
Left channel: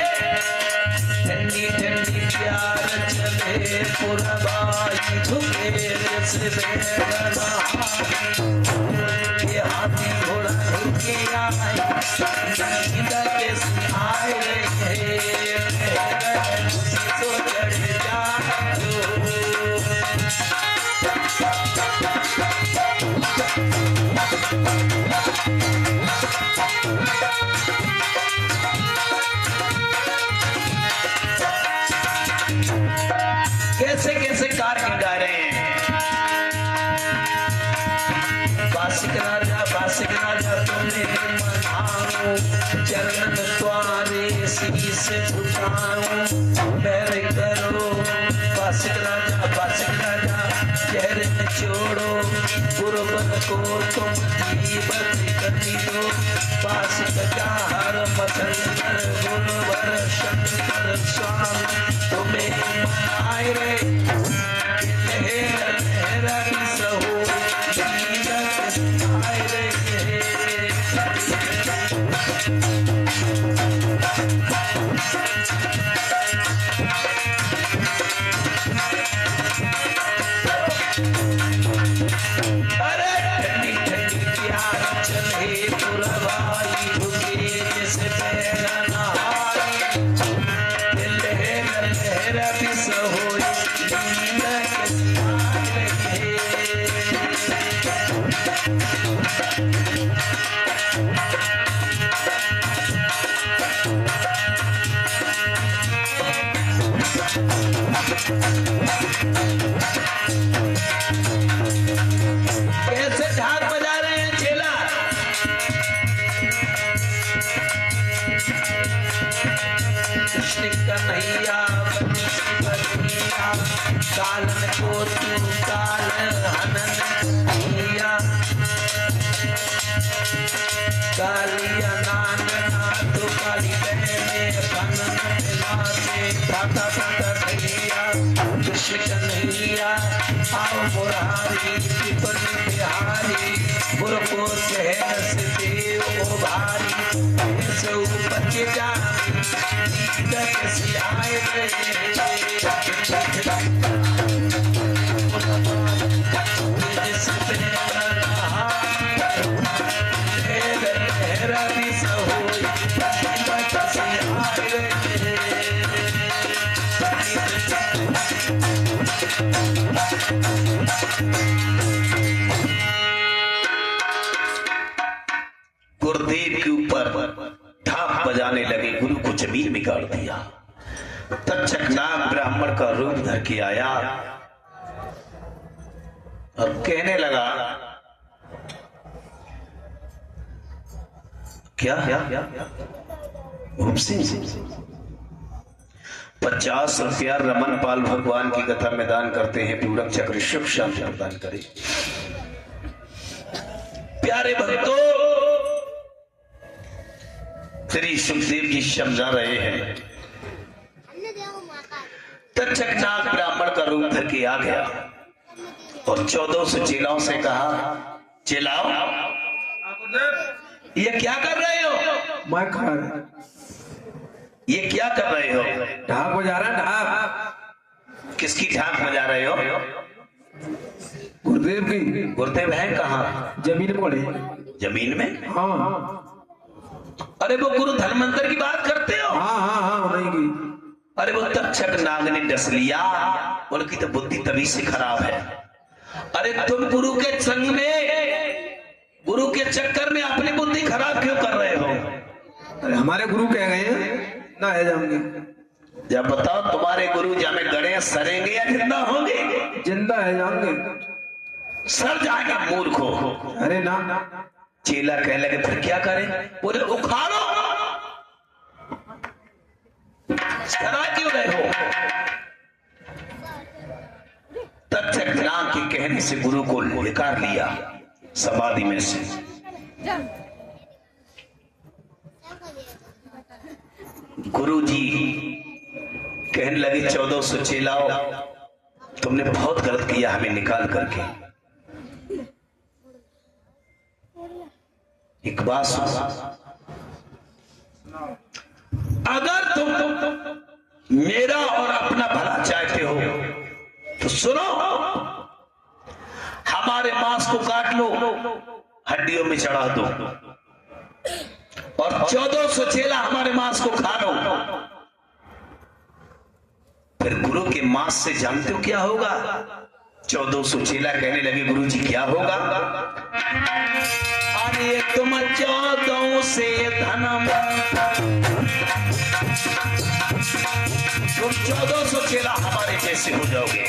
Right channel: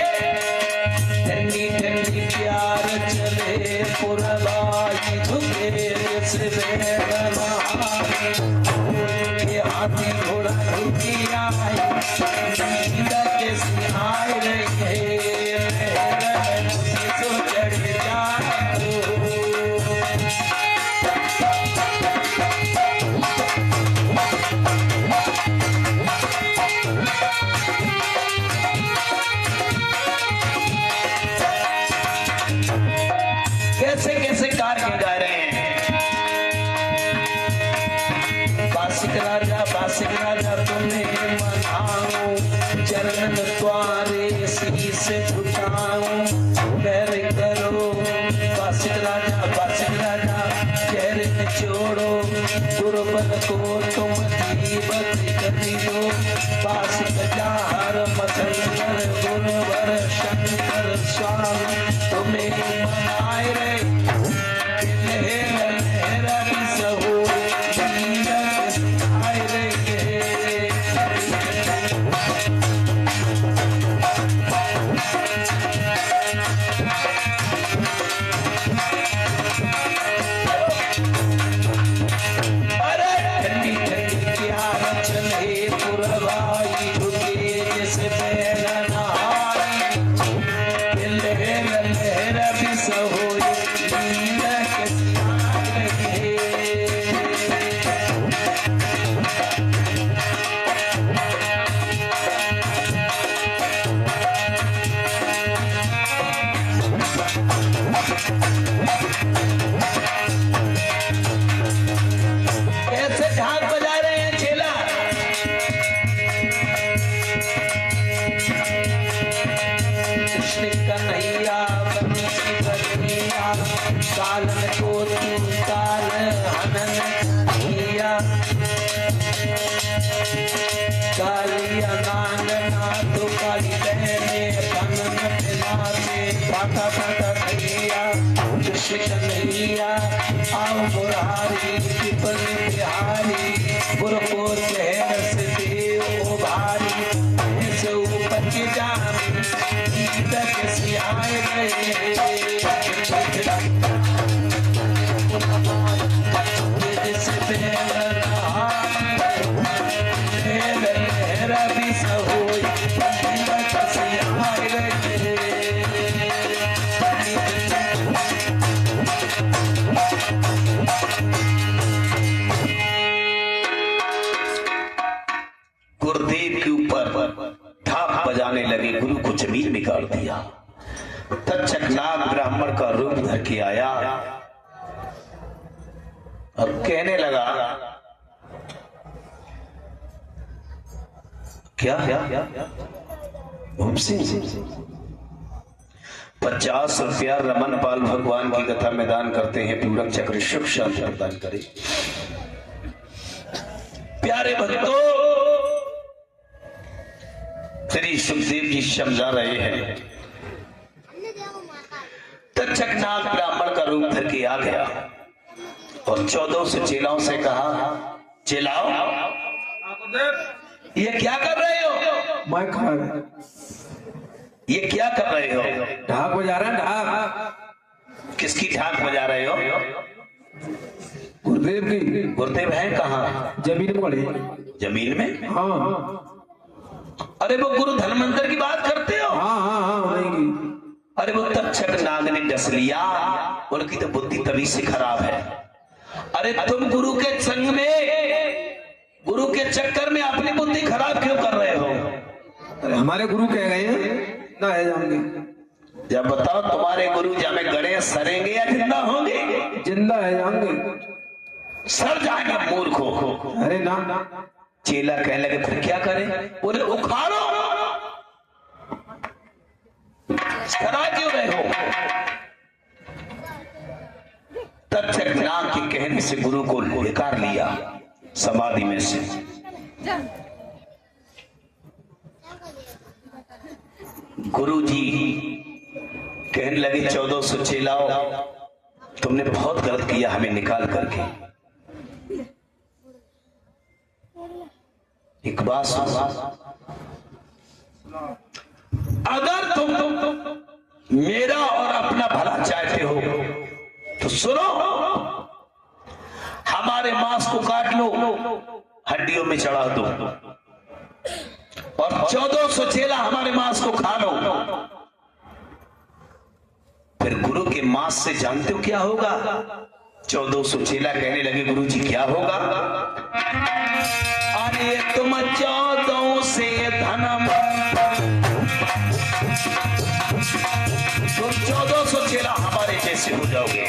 ठंडी ठंडी प्यार चले पुरवाई, झुके से बेरना, ये हाथी घोड़ा झुकी आई, कैसे आए रहे तो चढ़ जाओ। कैसे कैसे जाऊं, चरण द्वारे शीश झुकाऊं। बैर करो वासिक राजा चेहरे में छोड़ो, गुरुपद को तुम दीपक कर दियो। वासिक जार मचंदर गुरुवर शंकर स्वामी तुम्हें मनाए रे। लहरा की सहो आए रे। अरे ठंडी ठंडी प्यार चले पुरवाई झुके जैसे पैरा नहाई। लहरा भी सहोई लीला के आए रे। कैसे ढाक बजा रहे हैं चेला। कृष्ण कन्हैया बंसी बजैया, कालन को तू काल हनन किया। कालिया नांग नाथ काली बहने कानन नाचे फाटा फाटा भैया। कृष्ण कन्हैया आओ मुरारी कृपन बिहारी, गुरु को कहर से देव भारी। ऐसे ऊपर के जामी कैसे आए लहरा भी सहोई कैसे आए। गुरुदेव के ऊपर ढाक बजाने लगे, गुरु को जमीन में गाड़ दिया। तक्षक नाग ब्राह्मण का रूप धर के आया और कहने लगा, क्या 50 रुपया रमन पाल भगवान की कथा में दान करते हैं, पूरक चक्र सुख शांति प्रदान करे। प्यारे भक्तों, श्री सुखदेव जी समझा रहे हैं। तक्षक नाग ब्राह्मण का रूप धर के आ गया और 1400 चेलाओं से कहा, चेलाओ ये क्या कर रहे हो? मैं खा ये क्या कर रहे हो? ढाक बजा रहा ढाक। किसकी ढाक बजा रहे हो? गुरुदेव की। गुरुदेव है कहाँ? जमीन में पड़े। जमीन में? हाँ। अरे वो गुरु धनवंतर की बात करते हो? हाँ नहीं। अरे वो तक्षक नाग ने डस लिया, उनकी तो बुद्धि तभी से खराब है। अरे तुम गुरु के संग में, गुरु के चक्कर में अपनी बुद्धि खराब क्यों कर रहे हो? अरे हमारे गुरु कह गए हैं ना है जाएंगे। जब बताओ तुम्हारे गुरु जामे गड़े सरेंगे या जिंदा होंगे? जिंदा है जाएंगे। सर जाएंगे मूर्खो। अरे ना। चेला कहने लगे, फिर क्या करें? बोले उखाड़ो। सरा क्यों गए हो? तक्षक नाग के कहने से गुरु को निकाल लिया समाधि में से। गुरु जी कहने लगे, 1400 चेलाओ तुमने बहुत गलत किया हमें निकाल करके। एक बात सुनो, अगर तुम मेरा और अपना भला चाहते हो तो सुनो, हमारे मांस को काट लो, हड्डियों में चढ़ा दो और 1400 चेला हमारे मांस को खा लो। फिर गुरु के मांस से जानते हो क्या होगा? 1400 चेला कहने लगे, गुरु जी क्या होगा? अरे तुम 14 से धनम, तुम 1400 चेला हमारे जैसे हो जाओगे।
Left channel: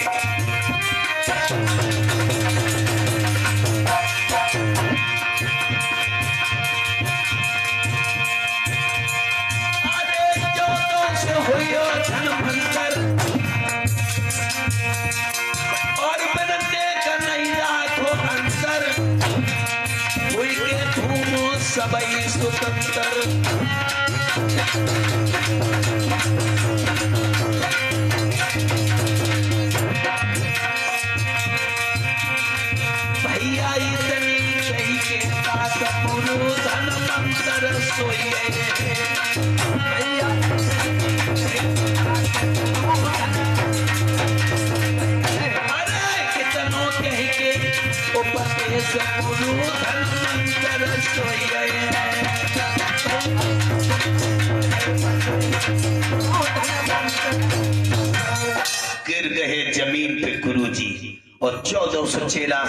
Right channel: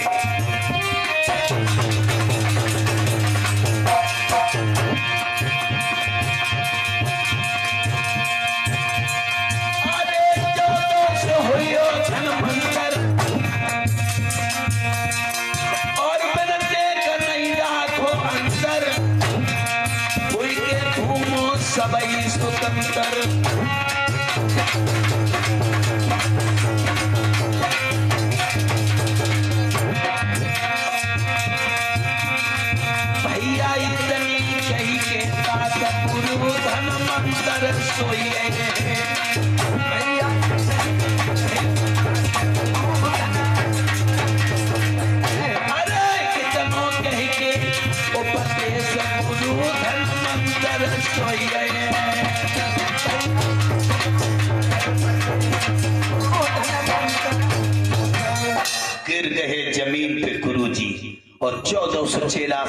गिर गए जमीन पे गुरुजी और 1400 चेला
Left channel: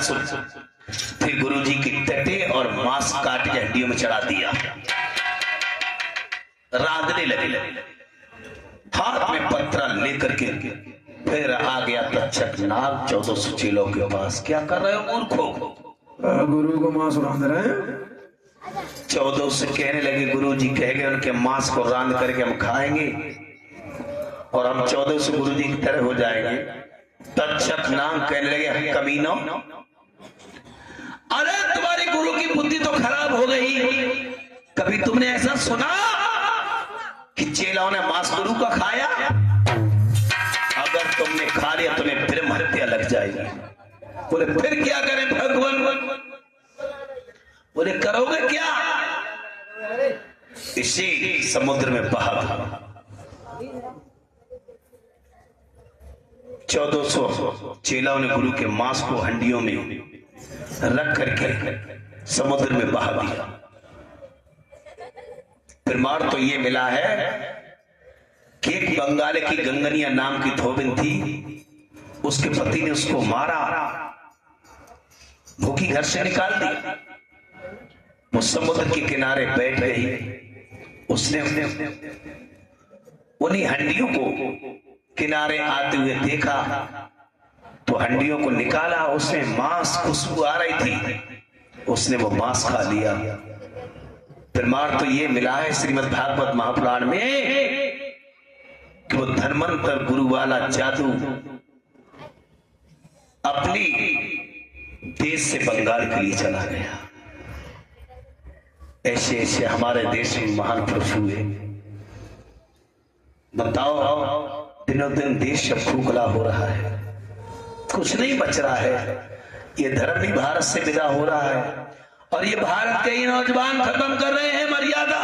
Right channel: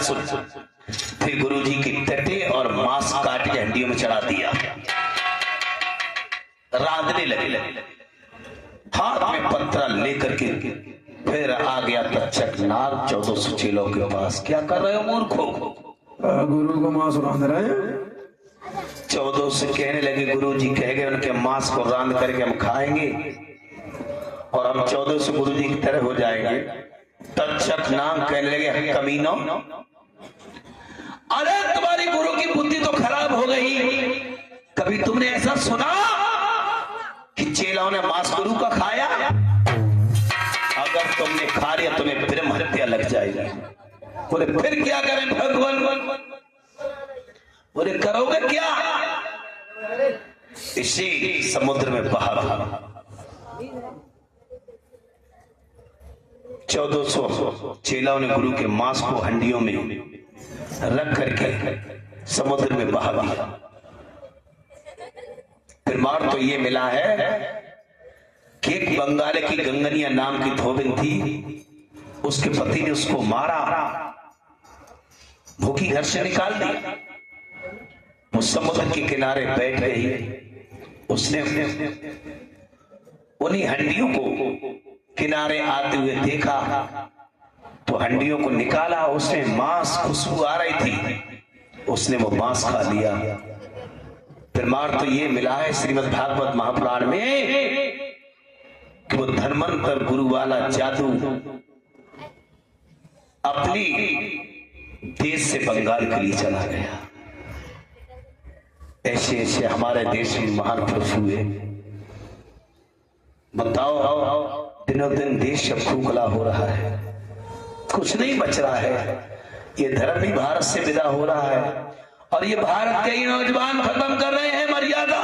फिर गुरुजी की टटे और मांस काट के हड्डियों में चढ़ा दिया। रांधने लगे, हाथ में पत्थर लेकर के फिर आ गया तक्षक नाग 1400 चेलों के पास। क्या कर रहे हो मूर्खों? गुरु को मांस रांध रहे हैं। 1400 कहने लगे, गुरुजी कह गए उनके मांस को रांध करके हम खाएंगे और हम 1400 गुरुजी की तरह हो जाएंगे। तक्षक नाग कहने लगे, कमीनो, अरे तुम्हारी गुरु की बुद्धि तो खराब हो गई। कभी तुमने ऐसा सुना कि चेलाओं ने मांस गुरु का खाया? अगर तुमने खा लिया तुम्हें ब्रह्म हत्या लग जाएगी। बोले फिर क्या करें भगवान? बोले करोगे क्या? इसे समुद्र में बहा। 1400 चेलाओं ने गुरु के मांस को हंडियों में रख करके समुद्र में बहा दिया। फिर मार तो ये मिला है कि एक बंगाल की गंगनिया नाम की धोबिन थी, उसके पति ने उसको मारा, भूखी घर से निकाल दी। वो समुद्र के किनारे बैठ गई। उसने उन्हीं हंडियों को किनारे आते हुए देखा तो हंडियों को निकाला। उसमें मांस खुशबू आ रही थी, उसने वो मांस खा लिया। फिर मार तो ये मिला है श्रीमद् भागवत महापुराण में कि वो धर्मांतर गुरु वाला जादू अपनी देश से बंगाल के लिए चला गया। ऐसे ऐसे हमारे देश में महान पुरुष हुए। बताओ, दिनों दिन देश अब खोखला हो रहा है, कुछ नहीं बच रहा है। ये धर्म भी भारत से विदा हो रहा है और ये भारत के ही नौजवान खत्म कर रहे हैं मर्यादा।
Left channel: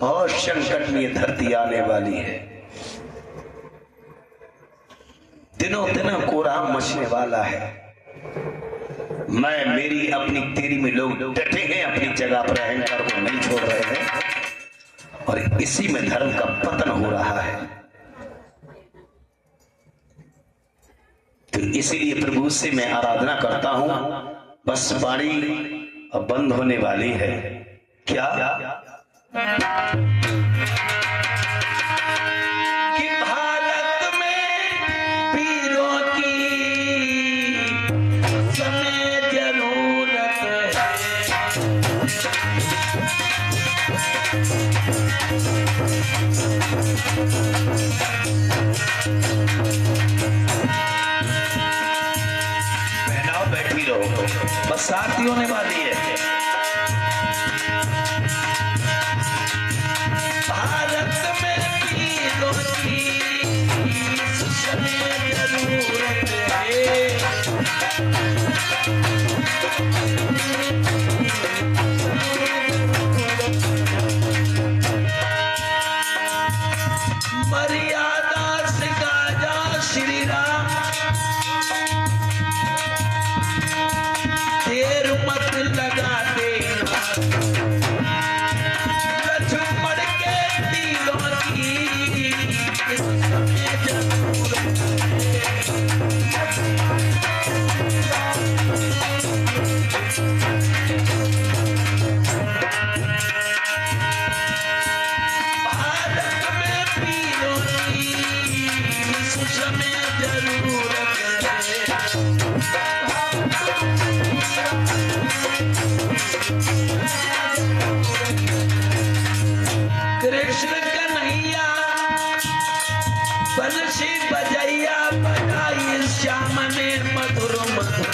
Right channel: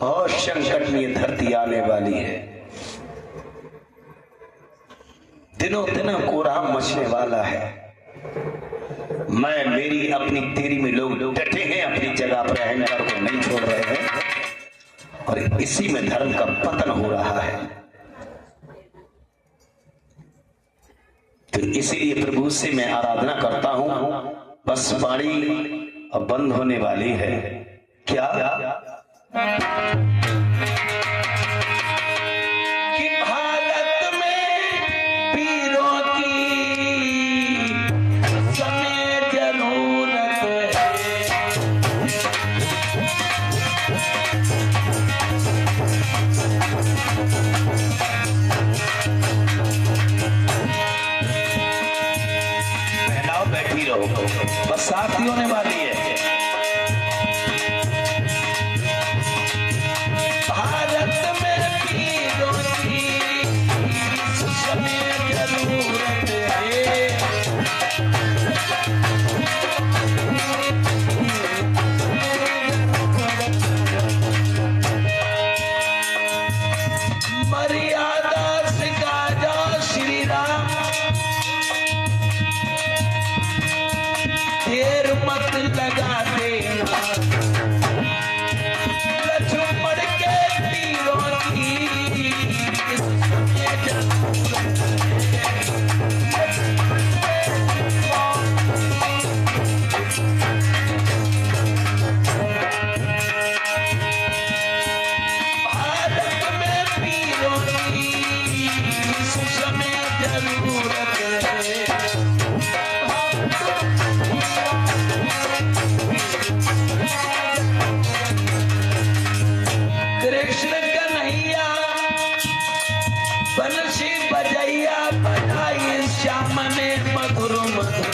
बहुत संकट में ये धरती आने वाली है। दिनों दिन कोहरा मचने वाला है। मैं मेरी अपनी तेरी में लोग डटे हैं, अपनी जगह पर अहंकार को नहीं छोड़ रहे हैं और इसी में धर्म का पतन हो रहा है। तो इसीलिए प्रभु से मैं आराधना करता हूं। बस वाणी अब बंद होने वाली है। क्या कि भारत में वीरों की समय जरूरत है। बैठी रहो, बस साथी होने वाली है। भारत में वीरों की समय जरूरत है। मर्यादा सिखा जा श्री राम, देर मत लगा देना। लक्ष्मण के तीरों की इस समय जरूरत है। भारत में वीरों की इस समय जरूरत है। कृष्ण कन्हैया बंसी बजैया बधाई श्याम ने मधुर मधुर।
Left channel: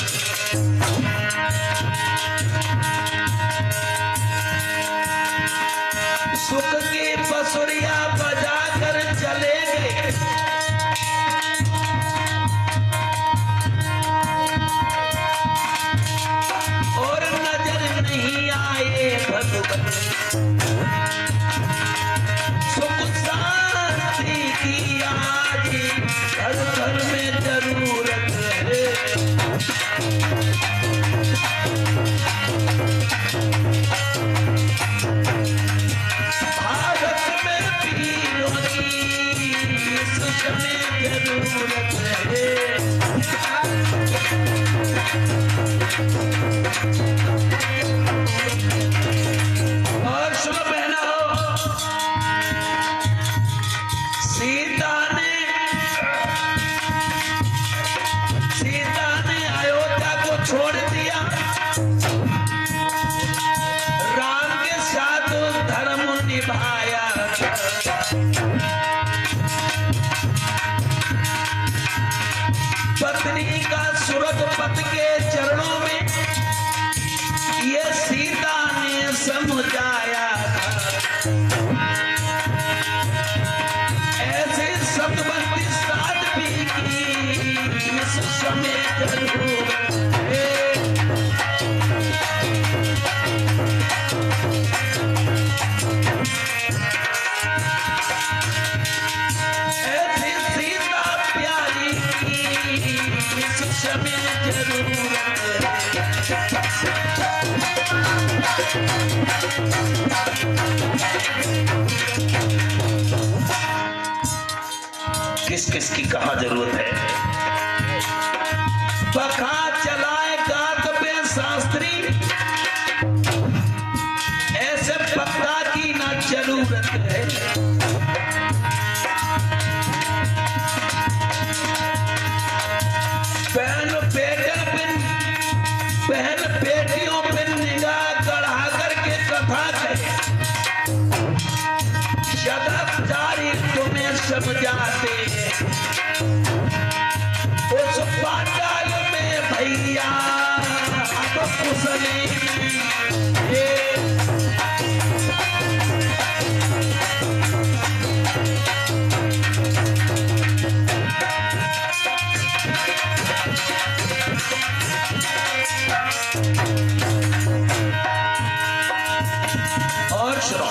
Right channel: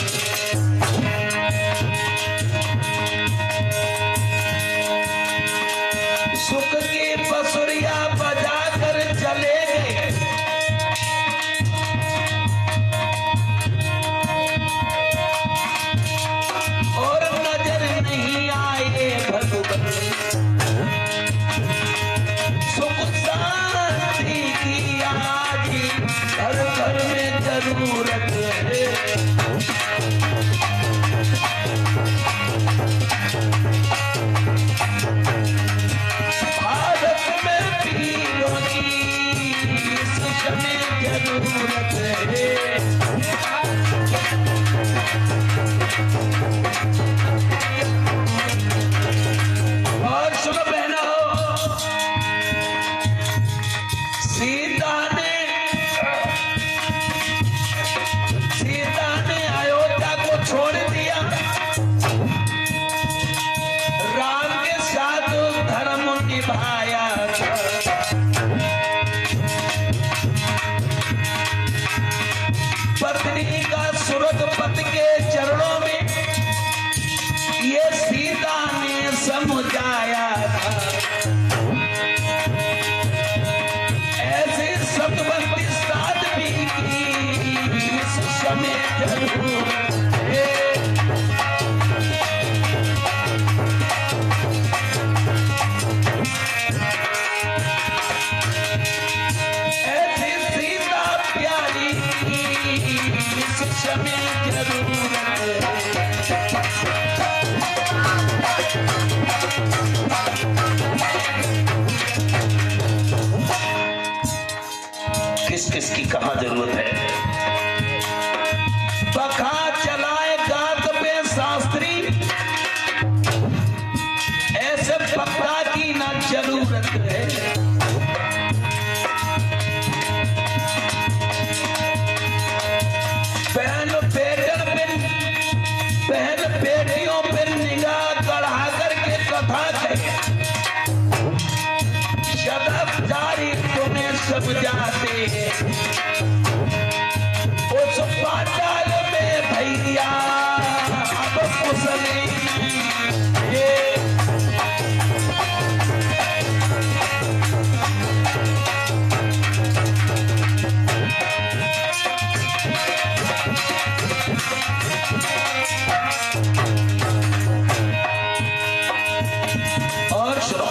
सुख की बसुरिया बजा कर चले गए। और नजर नहीं आए भगवान। सुख शांति की आज घर घर में जरूरत है। निभाया था। पत्नी का सूरत पति के चरणों में ये सीता ने समझाया था। ऐसे सतवंती साध्वी की इस समय जरूर ऐसी सीता प्यारी की इस समय जरूर किस किस की कहाँ जरूरत है। पखा चलाए गात पे शास्त्री, ऐसे पक्का की ना जरूरत है। बहन बेटियों पे निगाह गढ़ा करके कथा करे, सदाचारी तुम्हें सब जाते। उस पाताल में भैया अब कुशली नहीं। और सुनो,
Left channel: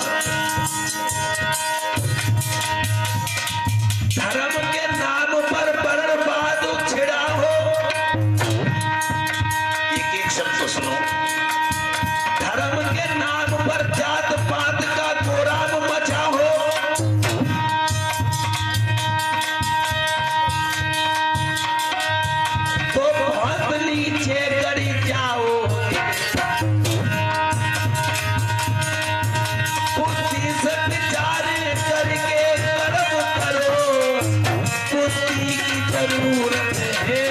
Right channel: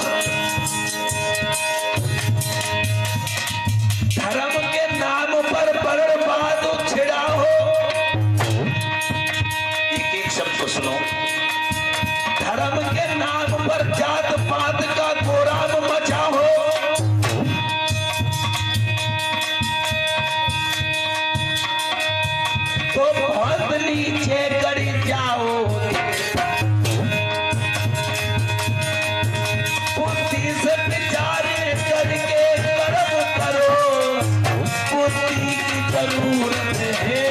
धर्म के नाम पर बर्बाद छिड़ा हो। एक एक शब्द को सुनो। धर्म के नाम पर जात पात का गोराम मचा हो। तो बहुत नीचे गड़ी जाओ। बुद्धि से विचार करके कर्म करो, बुद्धि की जरूरत है।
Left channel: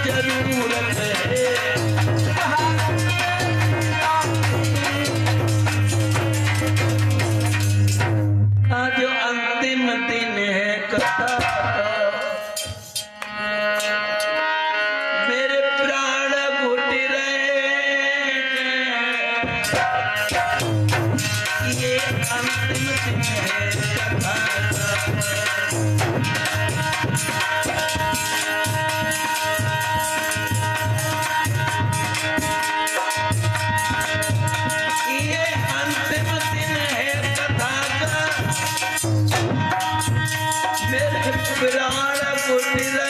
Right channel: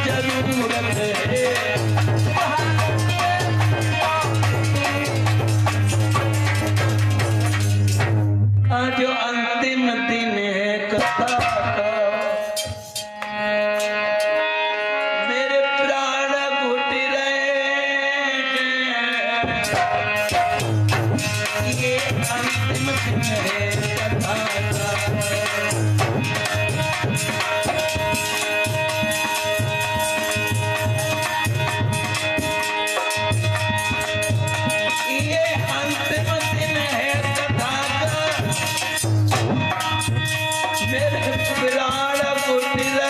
जरूरत है। आज अंतिम दिन है कथा का, मेरे प्राण घुट रहे हैं। ये अंतिम दिन है कथा का।